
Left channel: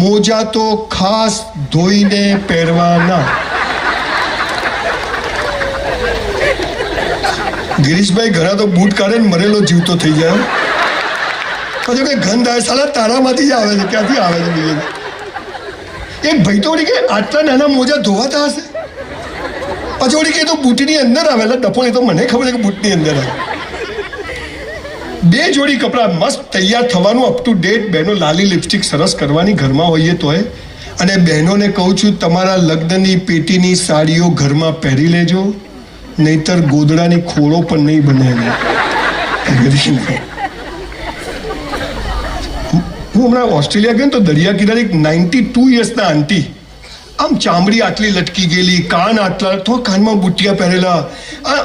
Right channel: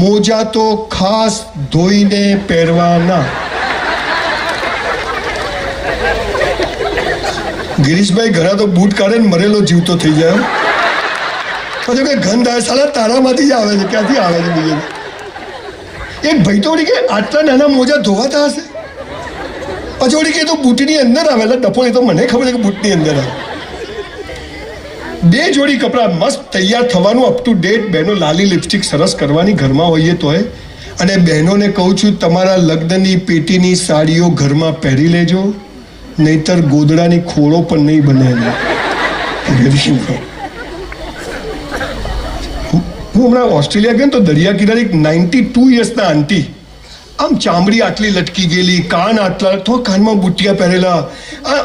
મોજા તો ખાસ ધોઈને પહેરવાના. ગિરીશભાઈ ઘણા તો બૂટ કાઢે ને મરેલો જીવતો થઈ જાય. પછી કઈ ગંધ આવે, સાલા તારામાંથી જ આવે છે, ક્યાંથી આવે છે બીજે. એક ભાઈ તો કે આટલા નાના મોજા ધોવાતા હશે. પછી ઓળી કે તો બૂટની અંદર આવે, એટલે ડફો એ તો મને ખબર છે કે બૂટની અંદર આવે. 2 જોડી કપડાં, મસ્ત તૈયાર થવાનું, અપ ટુ ડેટ. બહેનો લાલી લિપસ્ટિક સરસ કરવાની ઘરમાં હોઈએ તોય. અને બહેનોને કહું છું, તમારા લગ્નની પેટીની સાડીઓ ઘરમાં પહેરી લેજો, નહીતર ગોદડાની ખોળો પણ નહીં બને. હું હમણાં ઓસ્ટ્રેલિયા ગયો તો દરિયા કિનારે એક 92 યર્સના આંટી, આમ ચામડી આટલી લટકી ગયેલી, કાન આટલા, તો કાનમાં બુટિયા પહેરેલા,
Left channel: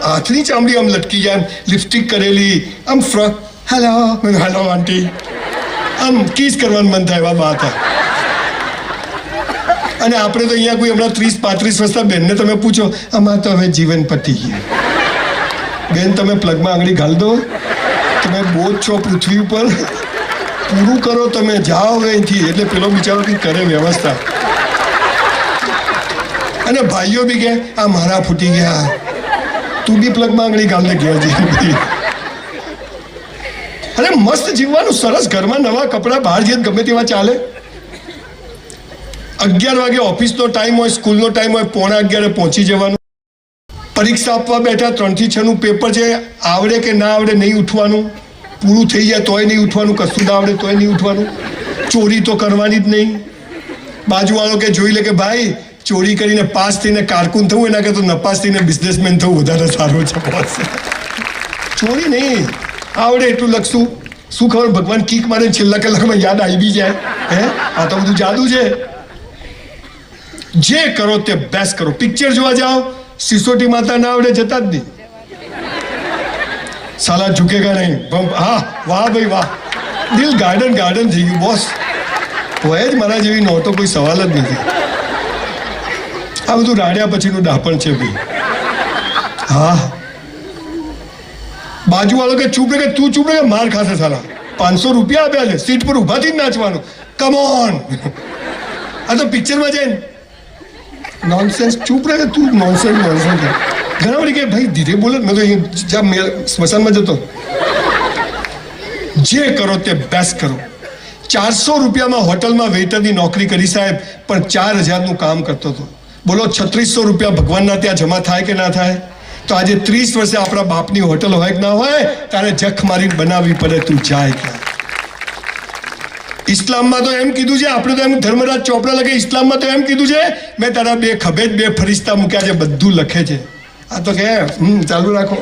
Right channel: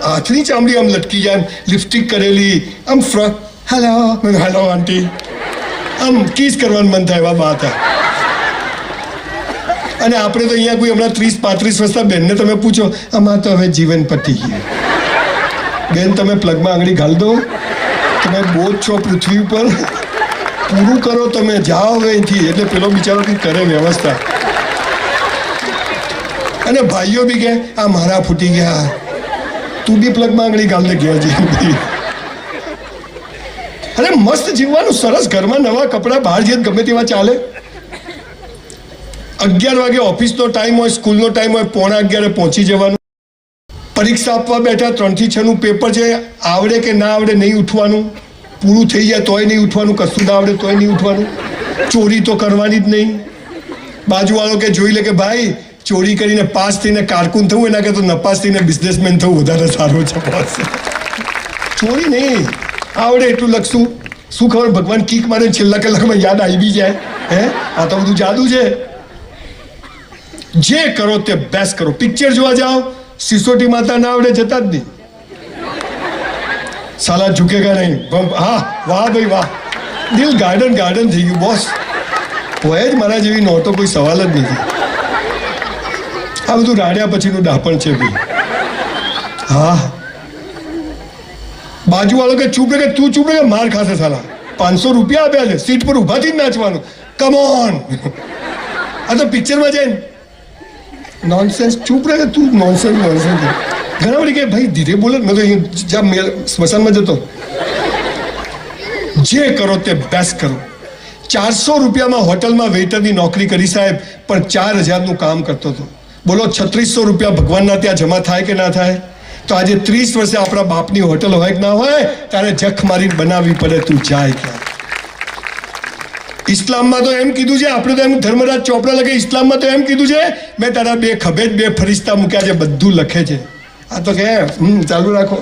હાથની ચામડી આમ લટકી જાય, લિપસ્ટિક કરેલી, આમ ફ્રોક. હેલો હેલો આંટી, આમ કિસ કરવાનું મન થાય એવા વાત. અને આપણે તો અહીંયા કોઈ હમણાં 30-35 વર્ષના બેનને તમે પૂછો, આમાં તો હવે જીવન પતી ગયું. બેન તમે પ્લગમાં આંગળી ઘાલ દો, તમે બોજ છો પૃથ્વી ઉપર, પૂરું કરો, તમે જાઓ હવે અહીંથી. એટલે પેલો બિચારો કંઈક કરે વ્યવસ્થા. અને ભાઈઓ બી કે આ મારા ફૂટી ગયા, તું બી પ્લગમાં આંગળી ગાલ ને ગયા જઈ. અરે મસ્ત જીવવાનું, સરસ, ઘરમાં નવા કપડાં, બહાર જઈએ ગમે તેવા ચાલે. 11 વાગે ઓફિસનો ટાઈમ હોય, સ્કૂલનો ટાઈમ હોય, 11:15 પહોંચી જવાનું. પરીક્ષા આપવા બેઠા, 3 થી 6 નું પેપર છે, આવડે કે ના આવડે નહીં ઉઠવાનું, પૂરું થઈ જાય તોય નહીં ઉઠવાનું, કશું ના આવડે તોય નહીં ઉઠવાનું. ચોરી તો કરવાની જ નહીં. બાજુવાળો કે જોઈ લે કે ભાઈ ચોરી કરીને પાસ થઈને કારકુન થવું એના કરતાં નપાસ થઈને બિઝનેસમેન થવું વધારે સારું છે. ચોરી નહીં, આવડે એટલું લખશું. શું ખબર ભગવાન કીક મારે છેલ્લા કલાકમાં યાદ આવી બી જાય. હે આ તો બધું જાદુ છે. જે કરો તે બેસ્ટ કરો. પિક્ચર જોવા જાઓ, સિસોટી માતા ના આવડે જતા જ નહીં. સાલા ઝુકેગા નહીં. હા વાહ ભાઈ વાહ, દિલ ગાર્ડન ગાર્ડન થઈ ગયું બોસ. હોય જ મારા જેવી નોટો, કોઈ સવાલ જ નથી. આ બધું રાડ્યા પછીનું ડાપણ છે ભાઈ. હા બાજુવાળો કે ચૂપ રે, તું ચૂપ રે, માર ખાશે સાલા. 500 રૂપિયા આપ્યા છે, સીટ પર ઊભાથી જ નાચવાનું. Come on. આ તો પિક્ચરમાં જાય નોનસેન્સ. ચૂપ રહે તું, નોનસેન્સ નોનસેન્સ. ઘણા વળી કે ભાઈ ધીરે બોલો. મેં તો જ્યાં સ્મશાનમાં જતો, જે કરો તે બેસ્ટ કરો. 400 રૂપિયામાં હોટલમાં વેઇટરની નોકરી કરી સાહેબ, પણ 4000નું કામ કરતો હતો. બોલો 3600 રૂપિયા ભગવાનના ત્યાં જમા થાય કે ના થાય? તો આજે 30 વર્ષે આપણા બાપની હોટલ હોય કે ના હોય, તારે જખ મારીને બનાવવી પડે. તું જાય ક્યાં? ઇસ્લામમાં તો એમ કીધું છે, આપણે તો એમ ધર્મરાજ ચોપડા લખે. ઇસ્લામમાં તો એમ કીધું છે, મેં તારા 2 ખભે 2 ફરિશ્તા મૂક્યા છે, બધું લખે છે. આ તો કે ચાલુ રાખો.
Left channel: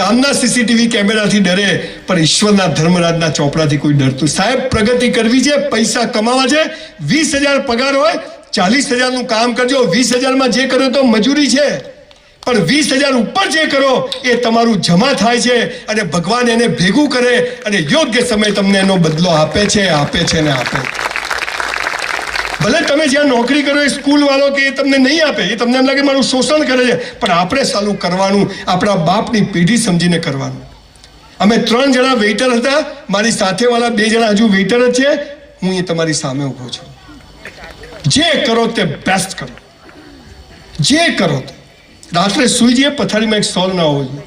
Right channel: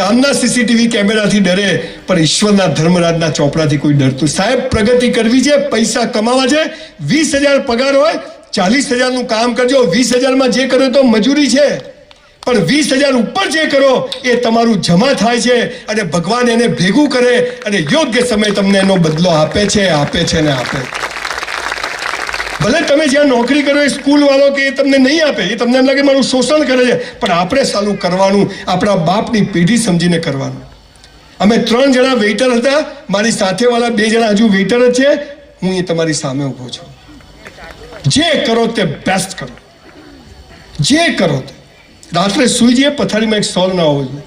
ગામના સીસીટીવી કેમેરાથી ડરે, પણ ઈશ્વરના ધર્મરાજના ચોપડાથી કોઈ ડરતું. સાહેબ પ્રગતિ કરવી છે, પૈસા કમાવા છે. 20,000 પગાર હોય, 40,000નું કામ કરજો. 20,000માં જે કરો તો મજૂરી છે, પણ 20,000 ઉપર જે કરો એ તમારું જમા થાય છે, અને ભગવાન એને ભેગું કરે અને યોગ્ય સમય તમને એનો બદલો આપે છે, આપે છે ને આપે. ભલે તમે જ્યાં નોકરી કરો એ સ્કૂલ વાળો કે એ તમને નહીં આપે, એ તમને એમ લાગે મારું શોષણ કરે છે, પણ આપણે સાલું કરવાનું, આપણા બાપની પેઢી સમજીને કરવાનું. અમે 3 જણા વેઇટર હતા, મારી સાથેવાળા 2 જણા હજુ વેઇટર જ છે. હું એ તમારી સામે ઊભો છું. જે કરો તે બેસ્ટ કરો. જે કરો તે. રાત્રે સુઈ જઈએ, પથારીમાં એક સોલ ના હોવો જોઈએ.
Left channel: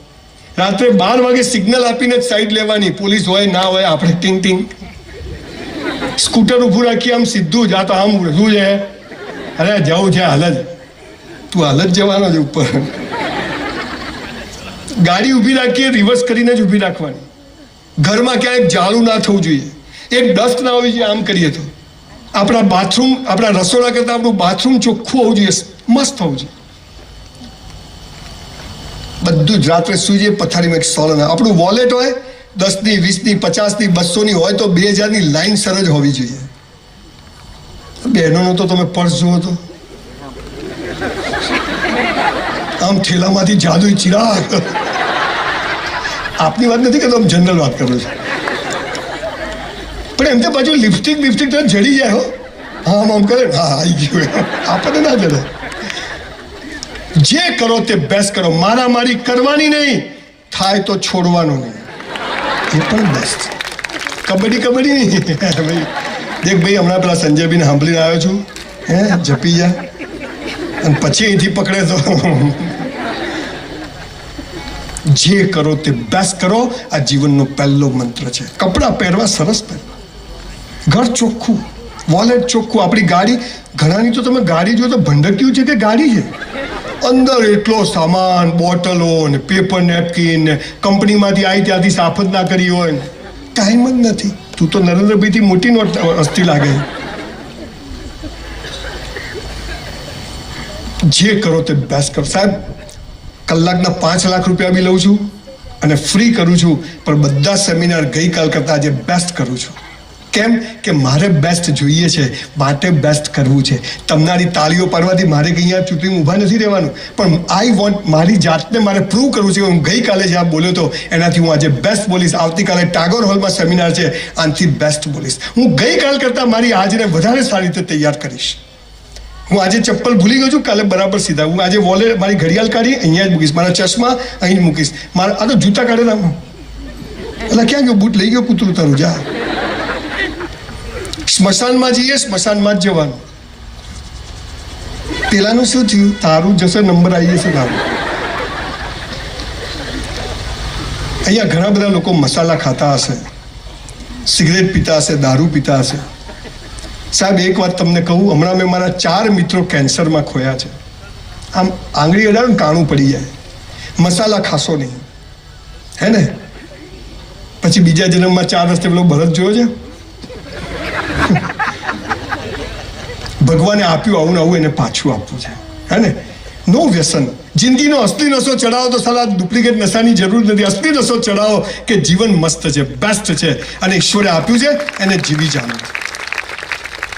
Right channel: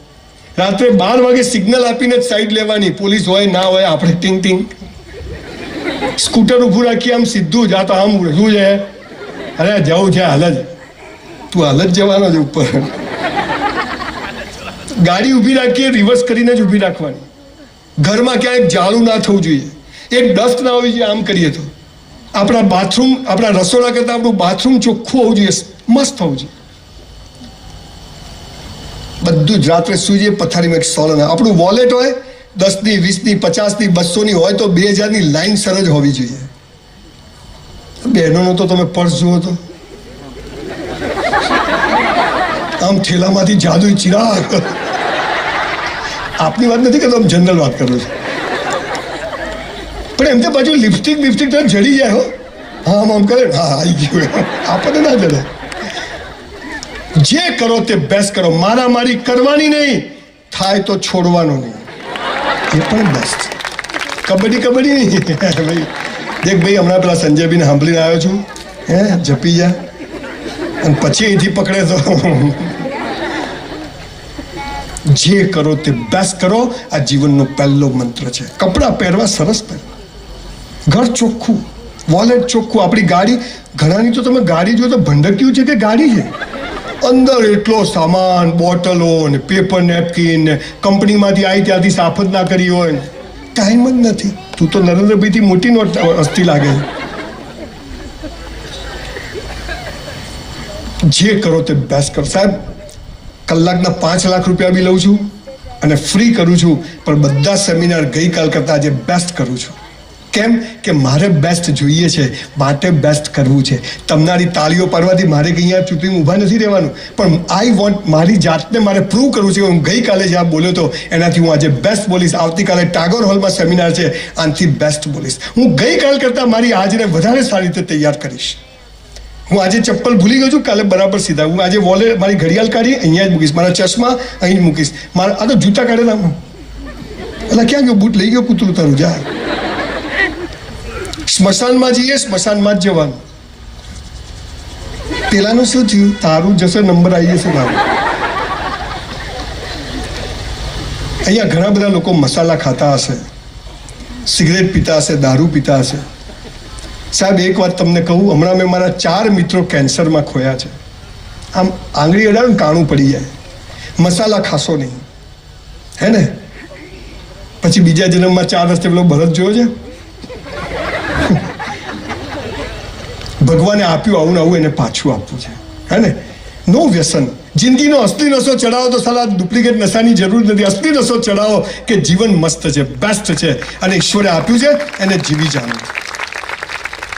રાત્રે 12 વાગે સિગ્નલ આપીને જ સાઈડ લેવાની. પોલીસ હોય ના હોય, આપણે ટીંગ ટીંગ સ્કૂટર ઊભું રાખીએ, આમ સીધું જ. આ તો આમ શું છે, અરે જવું છે હાલ જ, તું હાલ જ જવાનો છે ઉપર. ગાડી ઊભી રાખીએ રિવર્સ કરીને જ ઊભી રાખવાની. ઘરમાં ક્યાંક જાળું ના થવું જોઈએ, એક ડસ્ટ ના હોવી જોઈએ. આમ કરીએ તો આપણા બાથરૂમ, આપણા રસોડા કરતાં આપણું બાથરૂમ ચોખ્ખું હોવું જોઈએ, મસ્ત હોવું જોઈએ. બધું જ રાત્રે સુઈ જઈએ પથારીમાં એક સોલ. આપણું વોલેટ હોય 10ની 20ની 50ની 200ની હોય તો 2000ની લાઈન સર જ હોવી જોઈએ. બહેનોનો તો તમે પર્સ જુઓ તો આમ થેલામાંથી જાદુઈ ચિરાગ. આપની વાત નથી કરતો, આમ જનરલ વાત કરું છું. પણ એમ તો પાછું લિપસ્ટિક તો જડી જાય હો. હા આમ કરે, હા આવી ગયું, આપણને ના જડે. જે કરો તે બેસ્ટ કરો, મારામારી કરવાની નહીં, થાય તો છોડવાનું નહીં, એ પણ બેસ્ટ. કબડ્ડી નહીં ભાઈ. દેખ ભાઈ, હમણાં પેલા સંજયભાઈને સાંભળીને આવ્યો છું, જપી જા અને પછી અહીંથી પકડે તો. જે કરો તે બેસ્ટ કરો, આ જીવનનો પહેલો મંત્ર છે. કપડાં પહેરવા સરસ પહેરવા, ઘર ચોખ્ખું, વોલેટ ચોખ્ખું. આપણી ગાડી, ઘણાની તો તમે ગાડી જો તો ભંડક્યું છે કે ગાડી છે, અંદર એટલો સામાન, બોટલો ને પેપર નેપકિન ને કંપનીમાંથી આવી ત્યાંથી સાફ જ ના કરી હોય, ટાઈમ જ નથી. તું તો નરેન્દ્રભાઈથી મોટી નોટ હસ્તી લાગે. જે કરો તે બેસ્ટ કરો. સાહેબ, કલાકના 5 લાખ રૂપિયા બી લઉં છું અને ફ્રી કરું છું, પણ બધા સેમિનાર ગઈકાલ કરતાં આજે બેસ્ટ કરું છું. કેમ કે મારે બેસ્ટ જોઈએ છે, માટે બેસ્ટ કરવું છે. તમારી તાળીઓ પાડવાથી મારે કંઈ અહીંયા ચૂંટણી ઊભા નથી રહેવાનું, પણ આઈ વોન્ટ, મારી જાતને મારે પ્રૂવ કરવું છે. હું ગઈકાલે જ્યાં બોલ્યો હતો એનાથી હું આજે બેસ્ટ બોલીશ. આવતીકાલે ટાગોર હોલમાં સેમિનાર છે, આનાથી બેસ્ટ બોલીશ. હું ગઈકાલ કરતાં મારી આજને વધારે સારી રીતે તૈયાર કરીશ. હું આજે ચપ્પલ ભૂલી ગયો છું, કાલે બરાબર સીધા. હું આજે વોલેટ, મારી ઘડિયાળ કાઢી અહીંયા જ મૂકીશ, મારા ચશ્મા અહીં જ મૂકીશ. મારા આ તો જૂતા કાઢેલા, એટલે ક્યાં ગયો બૂટ લઈ ગયો કૂતરું તારું, જા. સ્મશાનમાં જઈએ, સ્મશાનમાં જ જવાનું. પેલાનું શું થયું, તારું જશે નંબર આવી જશે તારું. અહીંયા ઘણા બધા લોકો મસાલા ખાતા હશે, સિગરેટ પીતા હશે, દારૂ પીતા હશે. સાહેબ, એક વાત તમને કહું, હમણાં મેં મારા 4 મિત્રો કેન્સરમાં ખોયા છે. આમ આંગળી અડાડો ને કાણું પડી જાય. મસાલા ખાશો નહીં, હે ને? પછી બીજા જન્મમાં 4 રસ્તે પેલો ભરત જોયો છે, ભગવાને આપ્યું આવું ને આવું, એને પાછું આપવું છે, હે ને? નો વ્યસન. જિંદગીનો અસલી નશો ચડાવો તો સાલા ડુપ્લિકેટ નશાની જરૂર નથી. અસલી નશો ચડાવો કે જીવન મસ્ત છે, બેસ્ટ છે અને ઈશ્વરે આપ્યું છે, એને જીવી જાણો.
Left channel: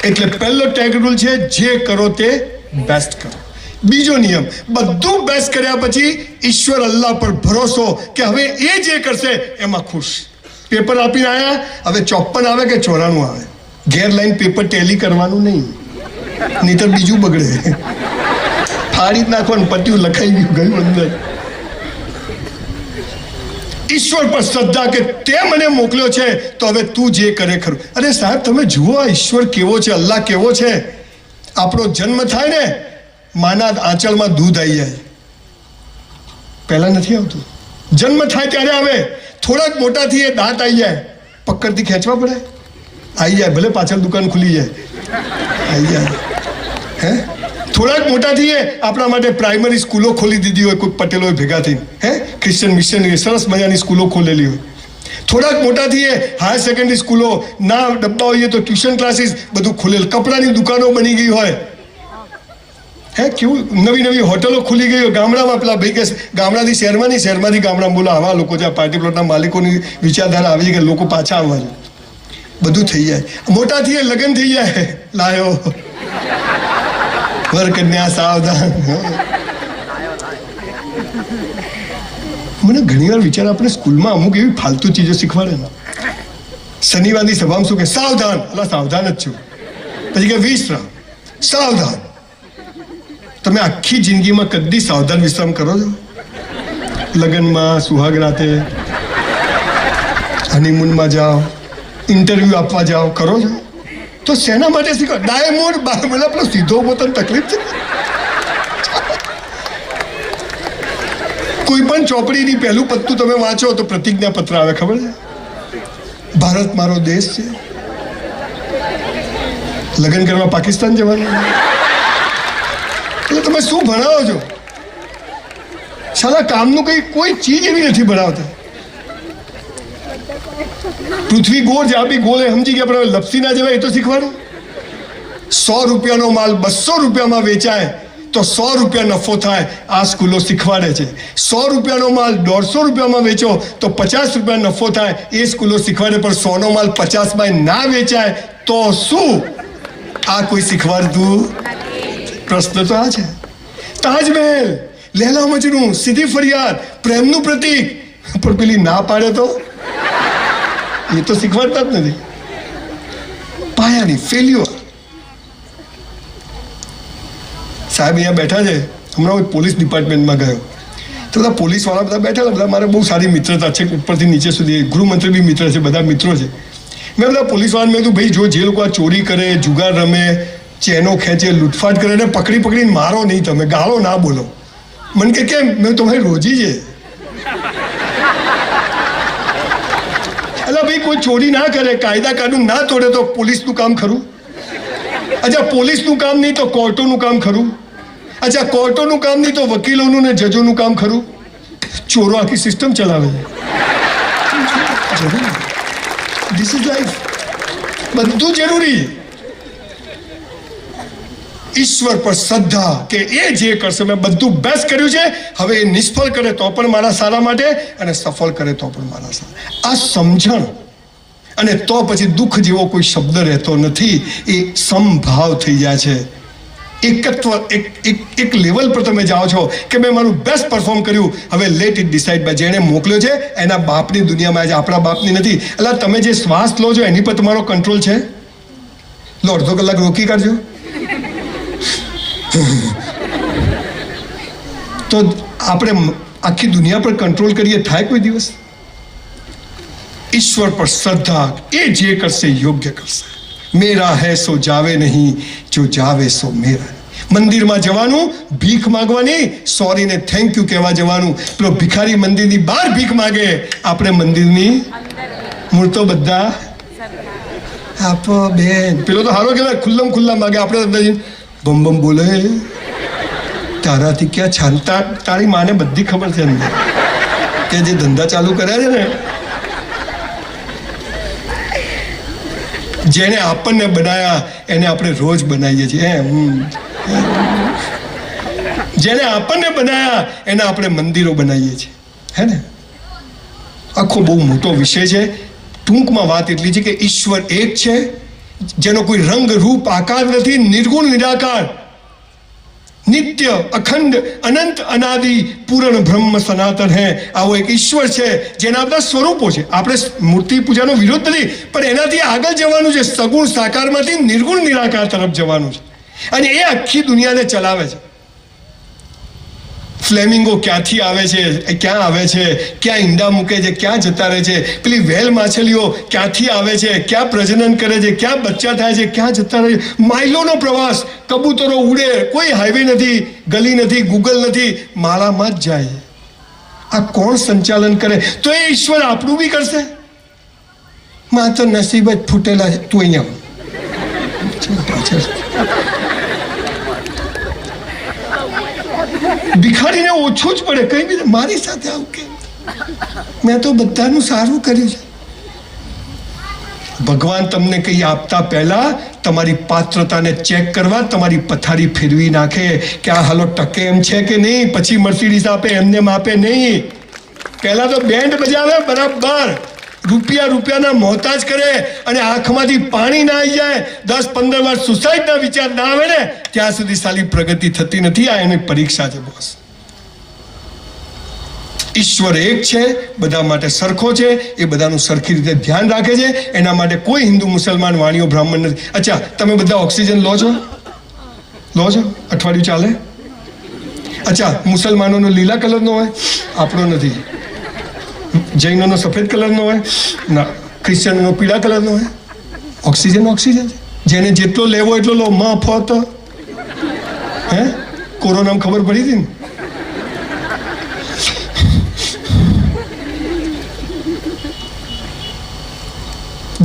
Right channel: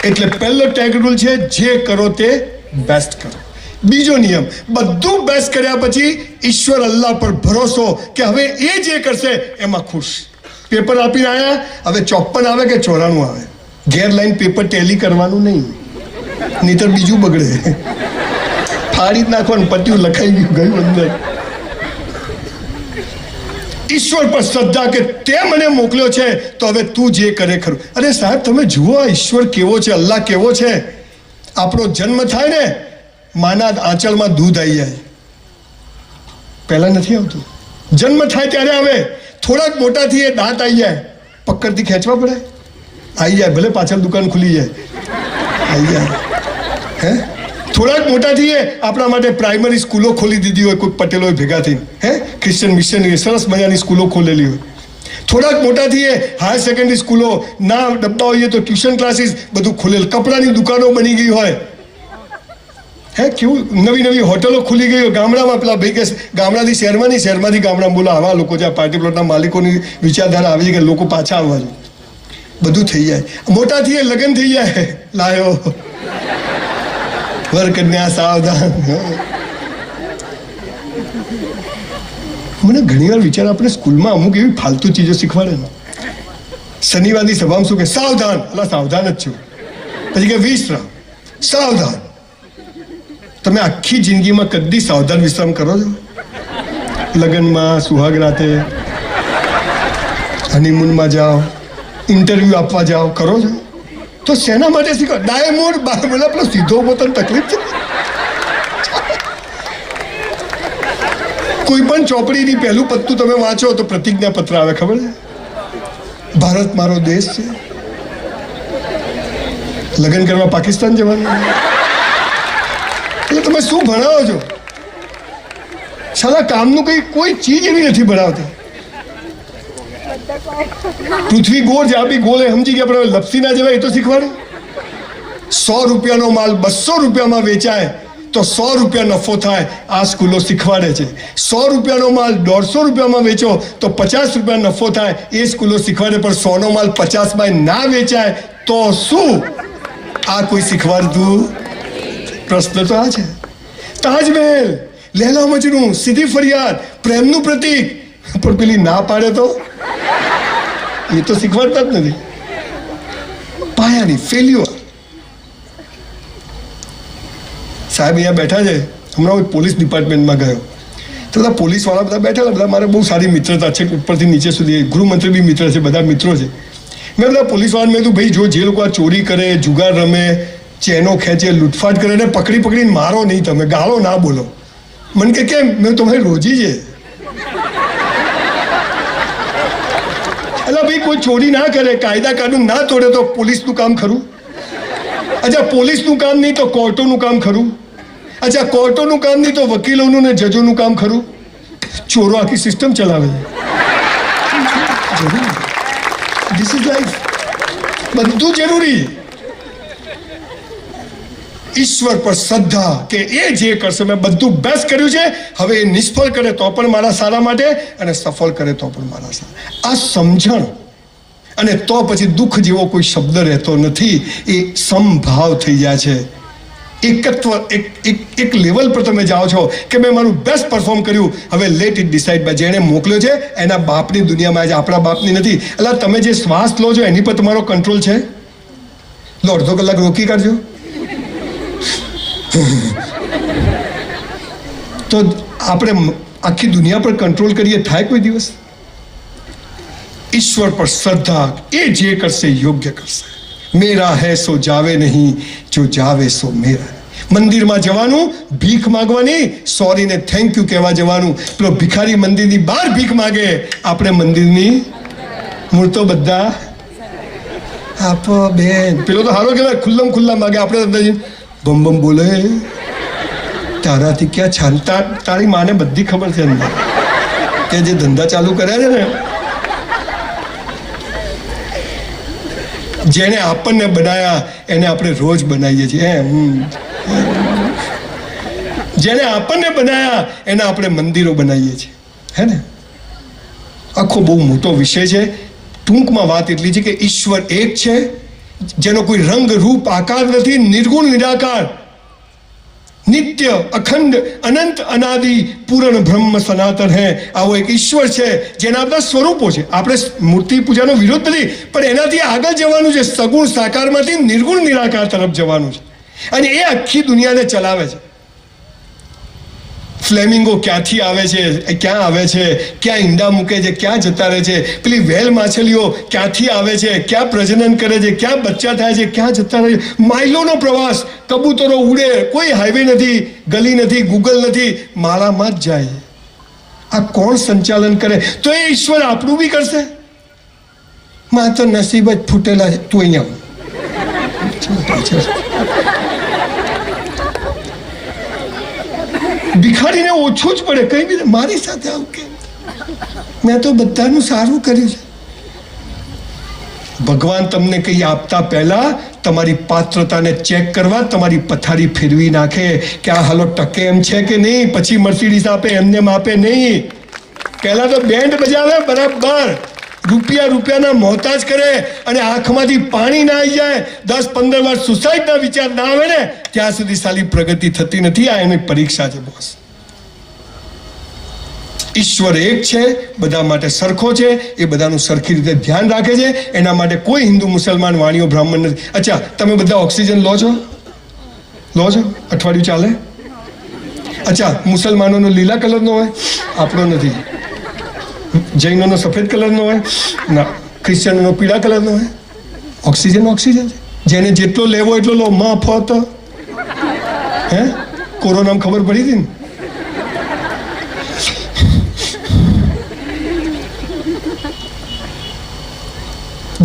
એટલે પહેલો ટેગ રૂલ છે, જે કરો તે બેસ્ટ કરો. બીજો નિયમ, બધું બેસ્ટ કર્યા પછી ઈશ્વર અલ્લાહ પર ભરોસો કે હવે એ જે કરશે એમાં ખુશ. પેપર આપીને આવ્યા, હવે 54 આવે કે 94 આવે, ઘેર લાઈન પેપર ટેલી કરવાનું નહીં, નહીતર બીજું બગડે. ફાડી જ નાખવાનું, પત્યું લખાઈ ગયું અંદર. ઈશ્વર પર શ્રદ્ધા કે તે મને મોકલ્યો છે તો હવે તું જે કરે ખરું. અરે સાહેબ, તમે જુઓ આ ઈશ્વર કેવો છે, અલ્લાહ કેવો છે. આપણો જન્મ થાય ને, માના આંચળમાં દૂધ આવી જાય, પહેલા નથી આવતું. જન્મ થાય ત્યારે આવે, થોડાક મોટા થઈએ દાંત આવી જાય, પકડથી ખેંચવા પડે, આવી જાય. ભલે પાછળ દુકાન ખુલી જાય, આવી જાય. હે, થોડાક મોટા થઈએ, આપણા માટે પ્રાઇમરી સ્કૂલો ખોલી દીધી હોય કોઈ પટેલોએ ભેગા થઈને, હે, ક્રિશ્ચિયન મિશનરી સરસ મજાની સ્કૂલો ખોલેલી હોય. થોડાક મોટા થઈએ, હાયર સેકન્ડરી સ્કૂલો ના ડબ્બા હોઈએ તો ટ્યુશન ક્લાસીસ બધું ખોલેલ, કપડાની દુકાનો બની ગઈ હોય, હે, કેવું નવી નવી હોટલો ખુલી ગઈ હોય. ગામડામાં પેલા ભાઈ કે ગામડાથી શહેરમાં નહીં, શહેરમાંથી ગામડામાં, બોલો આવા લોકો છે. પાર્ટી પ્લોટના માલિકોની વિચારધારા આવી કે લોકો પાછા આવવા છે, બધું થઈ જાય. મોટા થઈએ, લગ્ન થઈ જાય, લાયો વર કન્યા સાવધાન. મને ઘણી વાર વિચાર, આપણે સ્કૂલમાં અમુક એવી ફાલતુ ચીજો શીખવાડે ને. શનિવારની સભામાં શું કે, સાવધાન, એટલે સાવધાન જ છું. પછી કે વિશ્રામ, સાવધાન. તમે આખી જિંદગીમાં કદી સાવધાન વિશ્રામ કરો છો? લગ્નમાં, સુહાગ રાતે, હનીમૂનમાં જાઓ, ઇન્ટરવ્યુ આપવા જાઓ, કરો છો? તો શેના માટે શીખો? ડાયમંડ બાર પેલો સીધો પોતાને તકલીફ છે. કોઈ પણ ચોપડીની પહેલું પત્તું તમે વાંચો તો પ્રતિજ્ઞા પત્ર આવે, ખબર છે? ભારત મારો દેશ છે. લગ્ન કરવા પાકિસ્તાન જવાનું, એટલે તમે શું ભણાવો છો? સાલા કામનું કઈ કોઈ ચીજ એવી નથી ભણાવતા. પૃથ્વી ગોળ છે, આ બી ગોળ સમજી ગયા, પણ લપસી ના જવાય એ તો શીખવાનું. 100 રૂપિયાનો માલ 200 રૂપિયામાં વેચાય તો 100 રૂપિયા નફો થાય, આ સ્કૂલો શીખવાડે છે. 100 રૂપિયાનો માલ 150 રૂપિયામાં વેચો તો 50 રૂપિયા નફો થાય, એ સ્કૂલો શીખવાડે. પણ 100 નો માલ 50માં ના વેચાય તો શું? આ કોઈ શીખવાડતું? પ્રશ્ન તો આ છે. તાજમહેલ, લૈલા મજનુ, સીધી ફરિયાદ, પ્રેમનું પ્રતીક, પણ પેલી ના પાડે તો એ તો શીખવાડતા જ નથી. પાયાની ફેલ્યુઅર. સાહેબ અહીંયા બેઠા છે, હમણાં હું પોલીસ ડિપાર્ટમેન્ટમાં ગયો તો બધા પોલીસવાળા બધા બેઠેલા, બધા મારે બહુ સારી મિત્રતા છે, ઉપરથી નીચે સુધી. ગૃહમંત્રી બી મિત્ર છે, બધા મિત્રો છે. મેં બધા પોલીસવાળાને મેં કીધું, ભાઈ જો જે લોકો આ ચોરી કરે, જુગાર રમે, ચેનો ખેંચે, લૂંટફાટ કરે ને પકડીને મારો નહીં, તમે ગાળો ના બોલો. મને કે કેમ? મેં તમારી રોજી છે. એટલે ભાઈ કોઈ ચોરી ના કરે, કાયદા કાનૂન ના તોડે તો પોલીસનું કામ ખરું? અચ્છા, પોલીસનું કામ નહીં તો કોર્ટોનું કામ ખરું? અચ્છા, કોર્ટોનું કામ નહીં તો વકીલોનું ને જજોનું કામ ખરું? ચોરો આખી સિસ્ટમ ચલાવે છે. This is life. બધું જરૂરી. ઈશ્વર પર શ્રદ્ધા કે એ જે કરશે, મેં બધું બેસ્ટ કર્યું છે, હવે એ નિષ્ફળ કરે તો પણ મારા સારા માટે અને સફળ કરે તો પણ મારા સારા. આ સમજણ, અને તો પછી દુઃખ જેવો કોઈ શબ્દ રહેતો નથી. એ સમભાવ થઈ જાય છે. એકત્વ, એક લેવલ પર તમે જાઓ છો કે મેં મારું બેસ્ટ પરફોર્મ કર્યું, હવે લેટ ઇટ ડિસાઇડ બાય. જેણે મોકલ્યો છે એના બાપની દુનિયામાં આજે, આપણા બાપની નથી. એટલે તમે જે શ્વાસ લો છો એની પર તમારો કંટ્રોલ છે? લો, અડધો કલાક રોકી કાઢજો તો આપણે આખી દુનિયા પર કંટ્રોલ કરીએ, થાય કોઈ દિવસ? ઈશ્વર પર શ્રદ્ધા, એ જે કરશે યોગ્ય કરશે. મેરા હૈ સો જાવે નહીં, જો જાવે સો મેરા. મંદિરમાં જવાનું ભીખ માંગવાની, સોરી ને થેન્ક યુ કહેવા જવાનું. પેલો ભિખારી મંદિરની બહાર ભીખ માગે, આપણે મંદિરની મૂળ તો બધા આપો બેન. પેલો તો હારો કહેવાય, ખુલ્લમ ખુલ્લા માગે, આપણે બમ બમ બોલે. તારાથી ક્યાં છાનતા? તારી માને બધી ખબર છે અંદર કે જે ધંધા ચાલુ કર્યા છે ને, જેને આપણને બનાયા એને આપણે રોજ બનાવીએ છીએ. જેને આપણને બનાયા એને આપણે મંદિરો બનાવીએ છીએ, હે ને? આખો બહુ મોટો વિષય છે. ટૂંકમાં વાત એટલી છે કે ઈશ્વર એક છે, જેનો કોઈ રંગ રૂપ આકાર નથી, નિર્ગુણ નિરાકાર, નિત્ય અખંડ અનંત અનાદિ પૂર્ણ બ્રહ્મ સનાતન હે. આવો એક ઈશ્વર છે જેના બધા સ્વરૂપો છે. આપણે મૂર્તિ પૂજાનો વિરોધ નથી, પણ એનાથી આગળ જવાનું છે. સગુણ સાકારમાંથી નિર્ગુણ નિરાકાર તરફ જવાનું છે, અને એ આખી દુનિયાને ચલાવે છે. ફ્લેમિંગો ક્યાંથી આવે છે, ક્યાં આવે છે, ક્યાં ઈંડા મૂકે છે, ક્યાં જતા રહે છે. પેલી વ્હેલ માછલીઓ ક્યાંથી આવે છે, ક્યાં પ્રજનન કરે છે, ક્યાં બચ્ચા થાય છે, ક્યાં જતા રહે છે. માઇલોનો પ્રવાસ, કબૂતરો ઉડે, કોઈ હાઈવે નથી, ગલી નથી, ગૂગલ નથી, માળામાં જ જાય. આ કોણ સંચાલન કરે? તો એ ઈશ્વર આપણું બી કરશે? માત્ર નસીબ જ ફૂટેલા છે. તું અહીંયા ભિખારીને ઓછું જ પડે, કઈ બી મારી સાથે આવું કેમ? મેં તો બધાનું સારું કર્યું છે. ભગવાન તમને કંઈ આપતા પહેલા તમારી પાત્રતાને ચેક કરવા તમારી પથારી ફેરવી નાખે કે આ હાલો ટકે એમ છે કે નહીં. પછી મર્સિડીઝ આપે, એમને આપે નહીં. પહેલા તો બેન્ડ બજાવે બરાબર, રૂપિયાના મોહતાજ કરે, અને આંખમાંથી પાણી ના આવી જાય, 10-15 વાર સુસાઇડના વિચાર ના આવે ને ત્યાં સુધી સાલી પ્રગતિ થતી નથી. આ એની પરીક્ષા છે બોસ. ઈશ્વર એક છે, બધા માટે સરખો છે, એ બધાનું સરખી રીતે ધ્યાન રાખે છે. એના માટે કોઈ હિન્દુ મુસલમાન વાણીઓ બ્રાહ્મણ નથી. અચ્છા, તમે બધા ઓક્સિજન લો છો? અઠવાડિયું ચાલે? અચ્છા, મુસલમાનોનો લીલા કલરનો હોય, આપણો નથી. જૈનોનો સફેદ કલરનો હોય ના, ક્રિશ્ચિયનોનો પીળા કલરનો હોય. ઓક્સિજન છે. જેને જેટલો લેવો એટલો લો, મફત. હે, કોરોનામાં ખબર પડી હતી ને?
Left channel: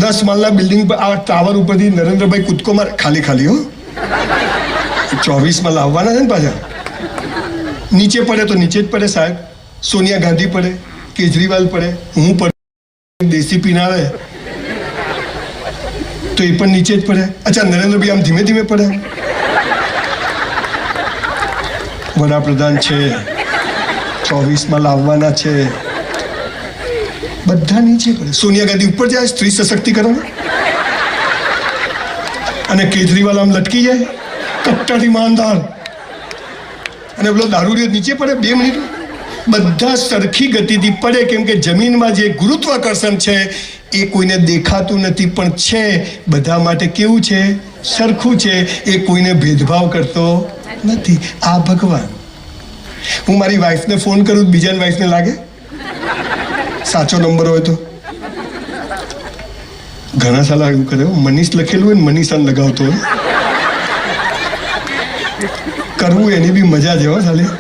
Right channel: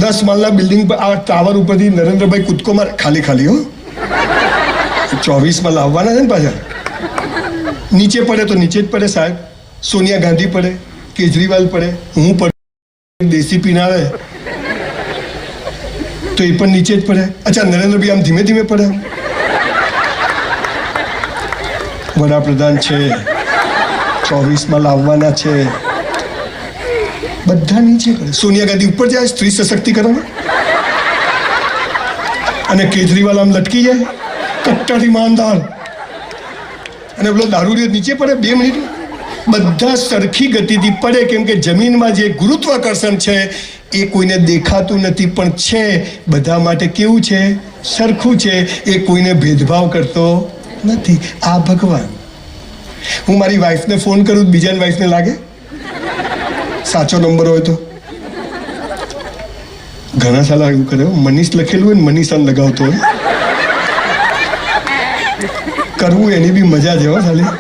દસ માળના બિલ્ડિંગ પર, આ ટાવર ઉપરથી નરેન્દ્રભાઈ કૂદકો મારે, ખાલી હો, 24માં લાવવાના છે ને પાછા. નીચે પડે તો નીચે જ પડે સાહેબ. સોનિયા ગાંધી પડે, કેજરીવાલ પડે, હું પડે, દેશી પીનારે તો એ પણ નીચે જ પડે. અચ્છા, નરેન્દ્રભાઈ આમ ધીમે ધીમે પડે. વડાપ્રધાન છે, 24માં લાવવાના છે, બધા નીચે પડે. સોનિયા ગાંધી ઉપર જાય સ્ત્રી સશક્તિકરણ, અને કેજરીવાલ આમ લટકી જાય કટ્ટાથી ઈમાનદાર, અને પેલો દારૂડિયો નીચે પડે 2 મિનિટ. બધા સરખી ગતિથી પડે, કેમ કે જમીનમાં જે ગુરુત્વાકર્ષણ છે એ કોઈને દેખાતું નથી, પણ છે બધા માટે કેવું છે? સરખું છે. એ કોઈને ભેદભાવ કરતો નથી. આ ભગવાન. હું મારી વાઈફને ફોન કરું, બીજાની વાઈફને લાગે સાચો નંબર હોય તો. ઘણા સાલા એવું કરે, મનીષ લખેલું હોય ને મનીષાને લગાવતો હોય. કરવું એની બી મજા છે હો સાલી.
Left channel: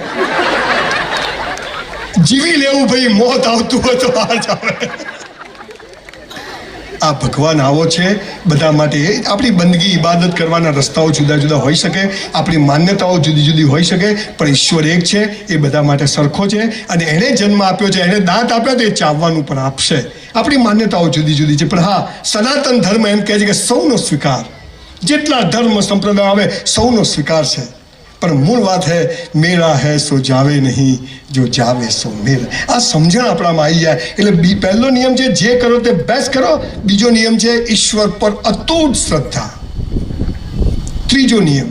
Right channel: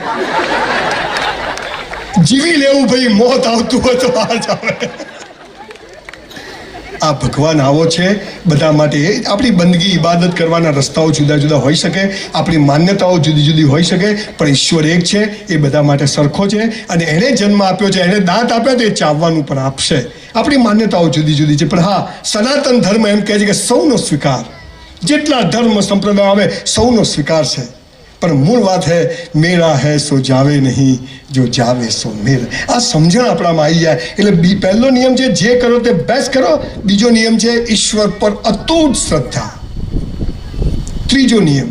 જીવી લેવું ભાઈ, મોત આવતું હોય તો બહાર જાવે. આ ભગવાન આવો છે બધા માટે. આપણી બંદગી ઇબાદત કરવાના રસ્તાઓ જુદા જુદા હોઈ શકે, આપણી માન્યતાઓ જુદી જુદી હોઈ શકે, પણ ઈશ્વર એક છે, એ બધા માટે સરખો છે. અને એણે જન્મ આપ્યો છે, એણે દાંત આપ્યા તો એ ચાવવાનું પણ આપશે. આપણી માન્યતાઓ જુદી જુદી છે, પણ હા, સનાતન ધર્મ એમ કહે છે કે સૌનો સ્વીકાર. જેટલા ધર્મ સંપ્રદાય આવે સૌનો સ્વીકાર છે, પણ મૂળ વાત હે મેરા હે સો જાવે નહીં, જો જાવે સો મેરા. આ સમજણ આપણામાં આવી જાય એટલે પહેલો નિયમ છે જે કરો તે બેસ્ટ કરો. બીજો નિયમ છે ઈશ્વર પર અતૂટ શ્રદ્ધા. ત્રીજો નિયમ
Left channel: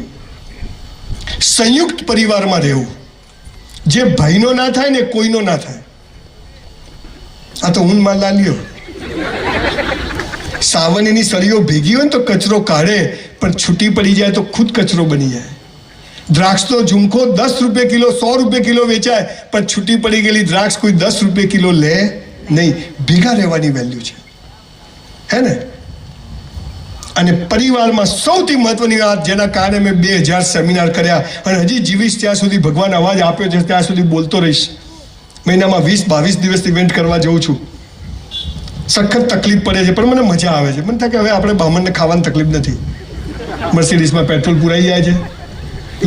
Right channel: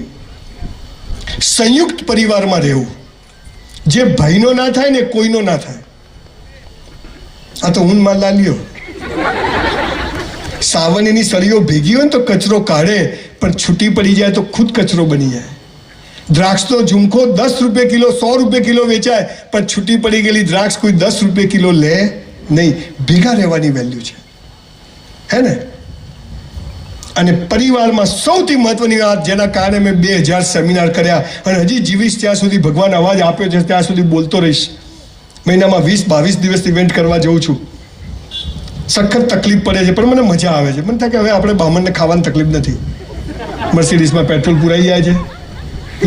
સંયુક્ત પરિવારમાં રહેવું. જે ભાઈનો ના થાય ને કોઈનો ના થાય. આ તો ઊન માં લાલ્યો. સાવનની સળીઓ ભેગી હોય ને તો કચરો કાઢે, પણ છૂટી પડી જાય તો ખુદ કચરો બની જાય. દ્રાક્ષનો ઝુમખો 10 રૂપિયા કિલો, 100 રૂપિયા કિલો વેચાય, પણ છૂટી પડી ગયેલી દ્રાક્ષ કોઈ 10 રૂપિયા કિલો લે નહીં. ભેગા રહેવાની વેલ્યુ છે, હે ને? અને પરિવારમાં સૌથી મહત્વની વાત, જેના કારણે મેં 2000 સેમિનાર કર્યા અને હજી જીવીશ ત્યાં સુધી, ભગવાન અવાજ આપ્યો છે ત્યાં સુધી બોલતો રહીશ. મહિનામાં 20-22 દિવસ ઇવેન્ટ કરવા જઉં છું. સખત તકલીફ પડે છે, પણ મને મજા આવે છે. મને થાય કે હવે આપણે બામણને ખાવાની તકલીફ નથી. મર્સિડીઝમાં પેટ્રોલ પુરાઈ જાય છે,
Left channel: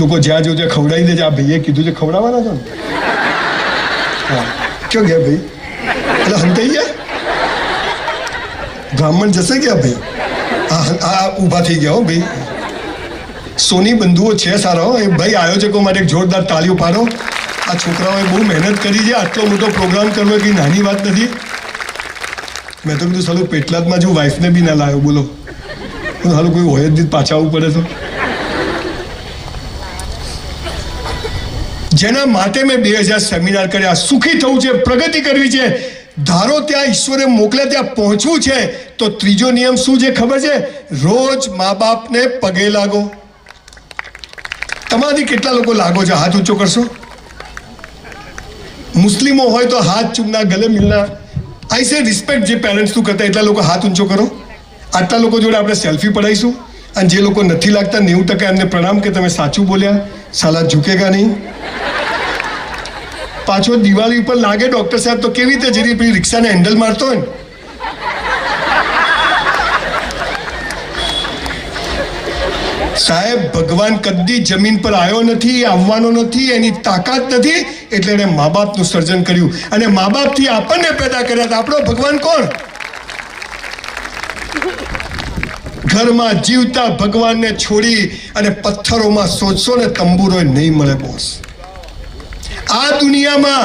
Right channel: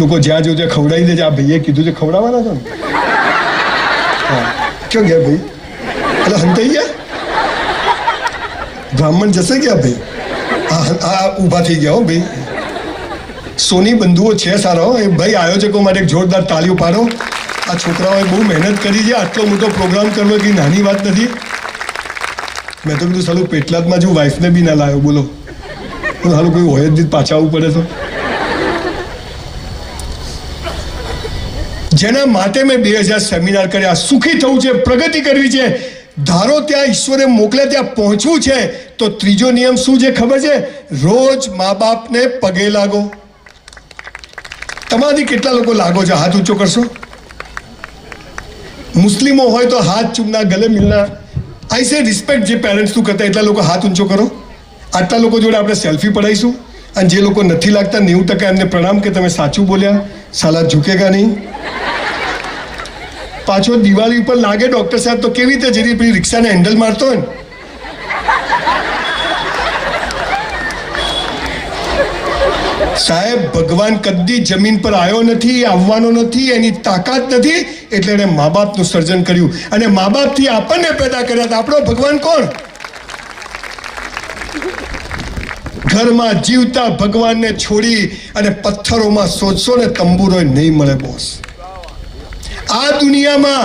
લોકો જ્યાં જો ત્યાં ખવડાવી દે છે. આ ભાઈએ કીધું છે ખવડાવવાના છો ને? હા, ક્યાં ગયા ભાઈ? એટલે હંતાઈ ગયા, બ્રાહ્મણ જશે ગયા ભાઈ. આ ઊભા થઈ ગયા હો ભાઈ. સોની બંધુઓ છે સારા હો. એ ભાઈ આયોજકો માટે એક જોરદાર તાળીઓ પાડો. આ છોકરાઓએ બહુ મહેનત કરી છે. આટલો મોટો પ્રોગ્રામ કરવો કે નાની વાત નથી. મેં તો કીધું સાલું પેટલાદમાં જો વાઈફને બી ના લાવ્યો, બોલો. સાલું કોઈ હોય જ નહીં, પાછા આવવું પડે તો. જેના માટે મેં 2000 સેમિનાર કર્યા. સુખી થવું છે, પ્રગતિ કરવી છે, ધારો ત્યાં ઈશ્વરે મોકલે ત્યાં પહોંચવું છે, તો ત્રીજો નિયમ શું છે ખબર છે? રોજ મા બાપને પગે લાગો. તમારાથી કેટલા લોકો લાગો છો? હાથ ઊંચો કરશો. મુસ્લિમો હોય તો હાથ ચૂમના, ગલે મિલના. આઈ સે રિસ્પેક્ટ. જે પેરેન્ટ્સ તું કરતા એટલા લોકો હાથ ઊંચો કરો. આટલા લોકો જોડે આપણે સેલ્ફી પડાવીશું, અને જે લોકો નથી લાગતા 90% એમને પ્રણામ કે તમે સાચું બોલ્યા, સાલા ઝૂકેગા નહીં. પાછો દિવાળી ઉપર લાગે ડોક્ટર સાહેબ તો કેવી રીતે જેની પેલી રિક્ષાને હેન્ડલ મારતો હોય ને. સાહેબ, ભગવાન કદી જમીન પર આવ્યો નથી, આવવાનો નથી, એની તાકાત નથી, એટલે એણે મા બાપનું સર્જન કર્યું. અને મા બાપથી આપણને પેદા કર્યા હતા. આપણો ભગવાન કોણ? ઘરમાં જીવતા ભગવાનને છોડી અને પથ્થરોમાં શોધશો ને તંબુરો નહીં મળે બોસ. આ દુનિયામાં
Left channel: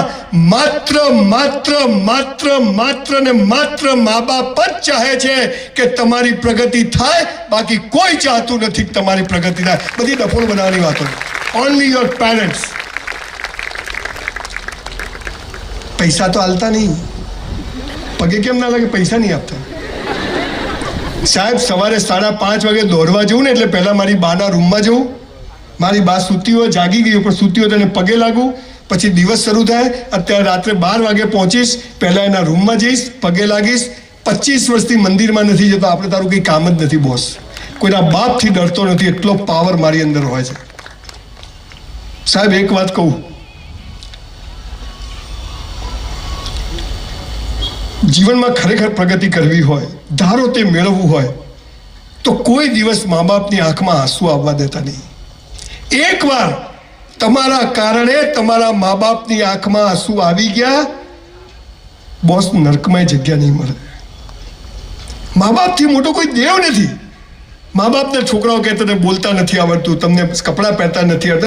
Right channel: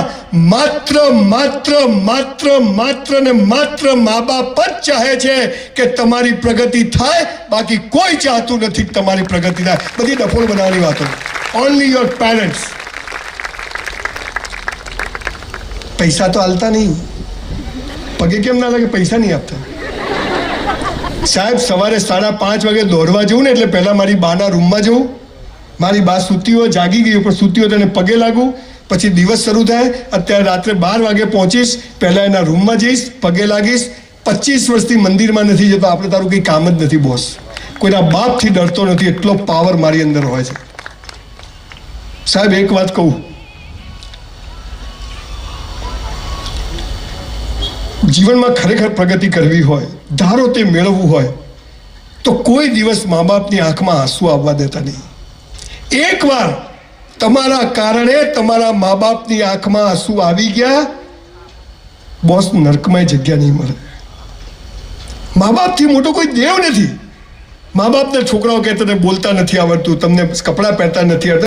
માત્ર માત્ર માત્ર માત્ર ને માત્ર મા બાપ જ ચાહે છે કે તમારી પ્રગતિ થાય. બાકી કોઈ ચાહતું નથી કે તમારી પ્રગતિ થાય. બધી ડફોળ બનાવવાની વાતો. Only your parents. પૈસા તો હાલતા નહીં. પગે કેમ ના લાગે? પૈસા નહીં આપતા. સાહેબ, સવારે 5:30 વાગે દોડવા જવું ને એટલે પહેલા મારી બાના રૂમમાં જવું. મારી બા સૂતી હોય, જાગી ગઈ પણ સૂતી હોય તો એને પગે લાગવું. પછી દિવસ શરૂ થાય. અત્યારે રાત્રે 12 વાગે પહોંચીશ, પહેલા એના રૂમમાં જઈશ, પગે લાગીશ. 25 વર્ષથી મંદિરમાં નથી જતો. આપણે તારું કંઈ કામ જ નથી બોસ. કોઈના બાપથી ડરતો નથી, એટલો પાવર મારી અંદર હોય છે. સાહેબ, એક વાત કહું, જીવનમાં ખરેખર પ્રગતિ કરવી હોય, ધારો તે મેળવવું હોય, તો કોઈ દિવસ મા બાપની આંખમાં આંસુ આવવા દેતા નહીં. એકવાર તમારા કારણે તમારા મા બાપની આંખમાં આંસુ આવી ગયા, બોસ નરકમાં જગ્યા નહીં મળે. મા બાપથી મોટો કોઈ દેવ નથી. મા બાપના છોકરાઓ કહેતા બોલતા નથી આવડતું, તમને કપડાં પહેરતા નથી આવડતા.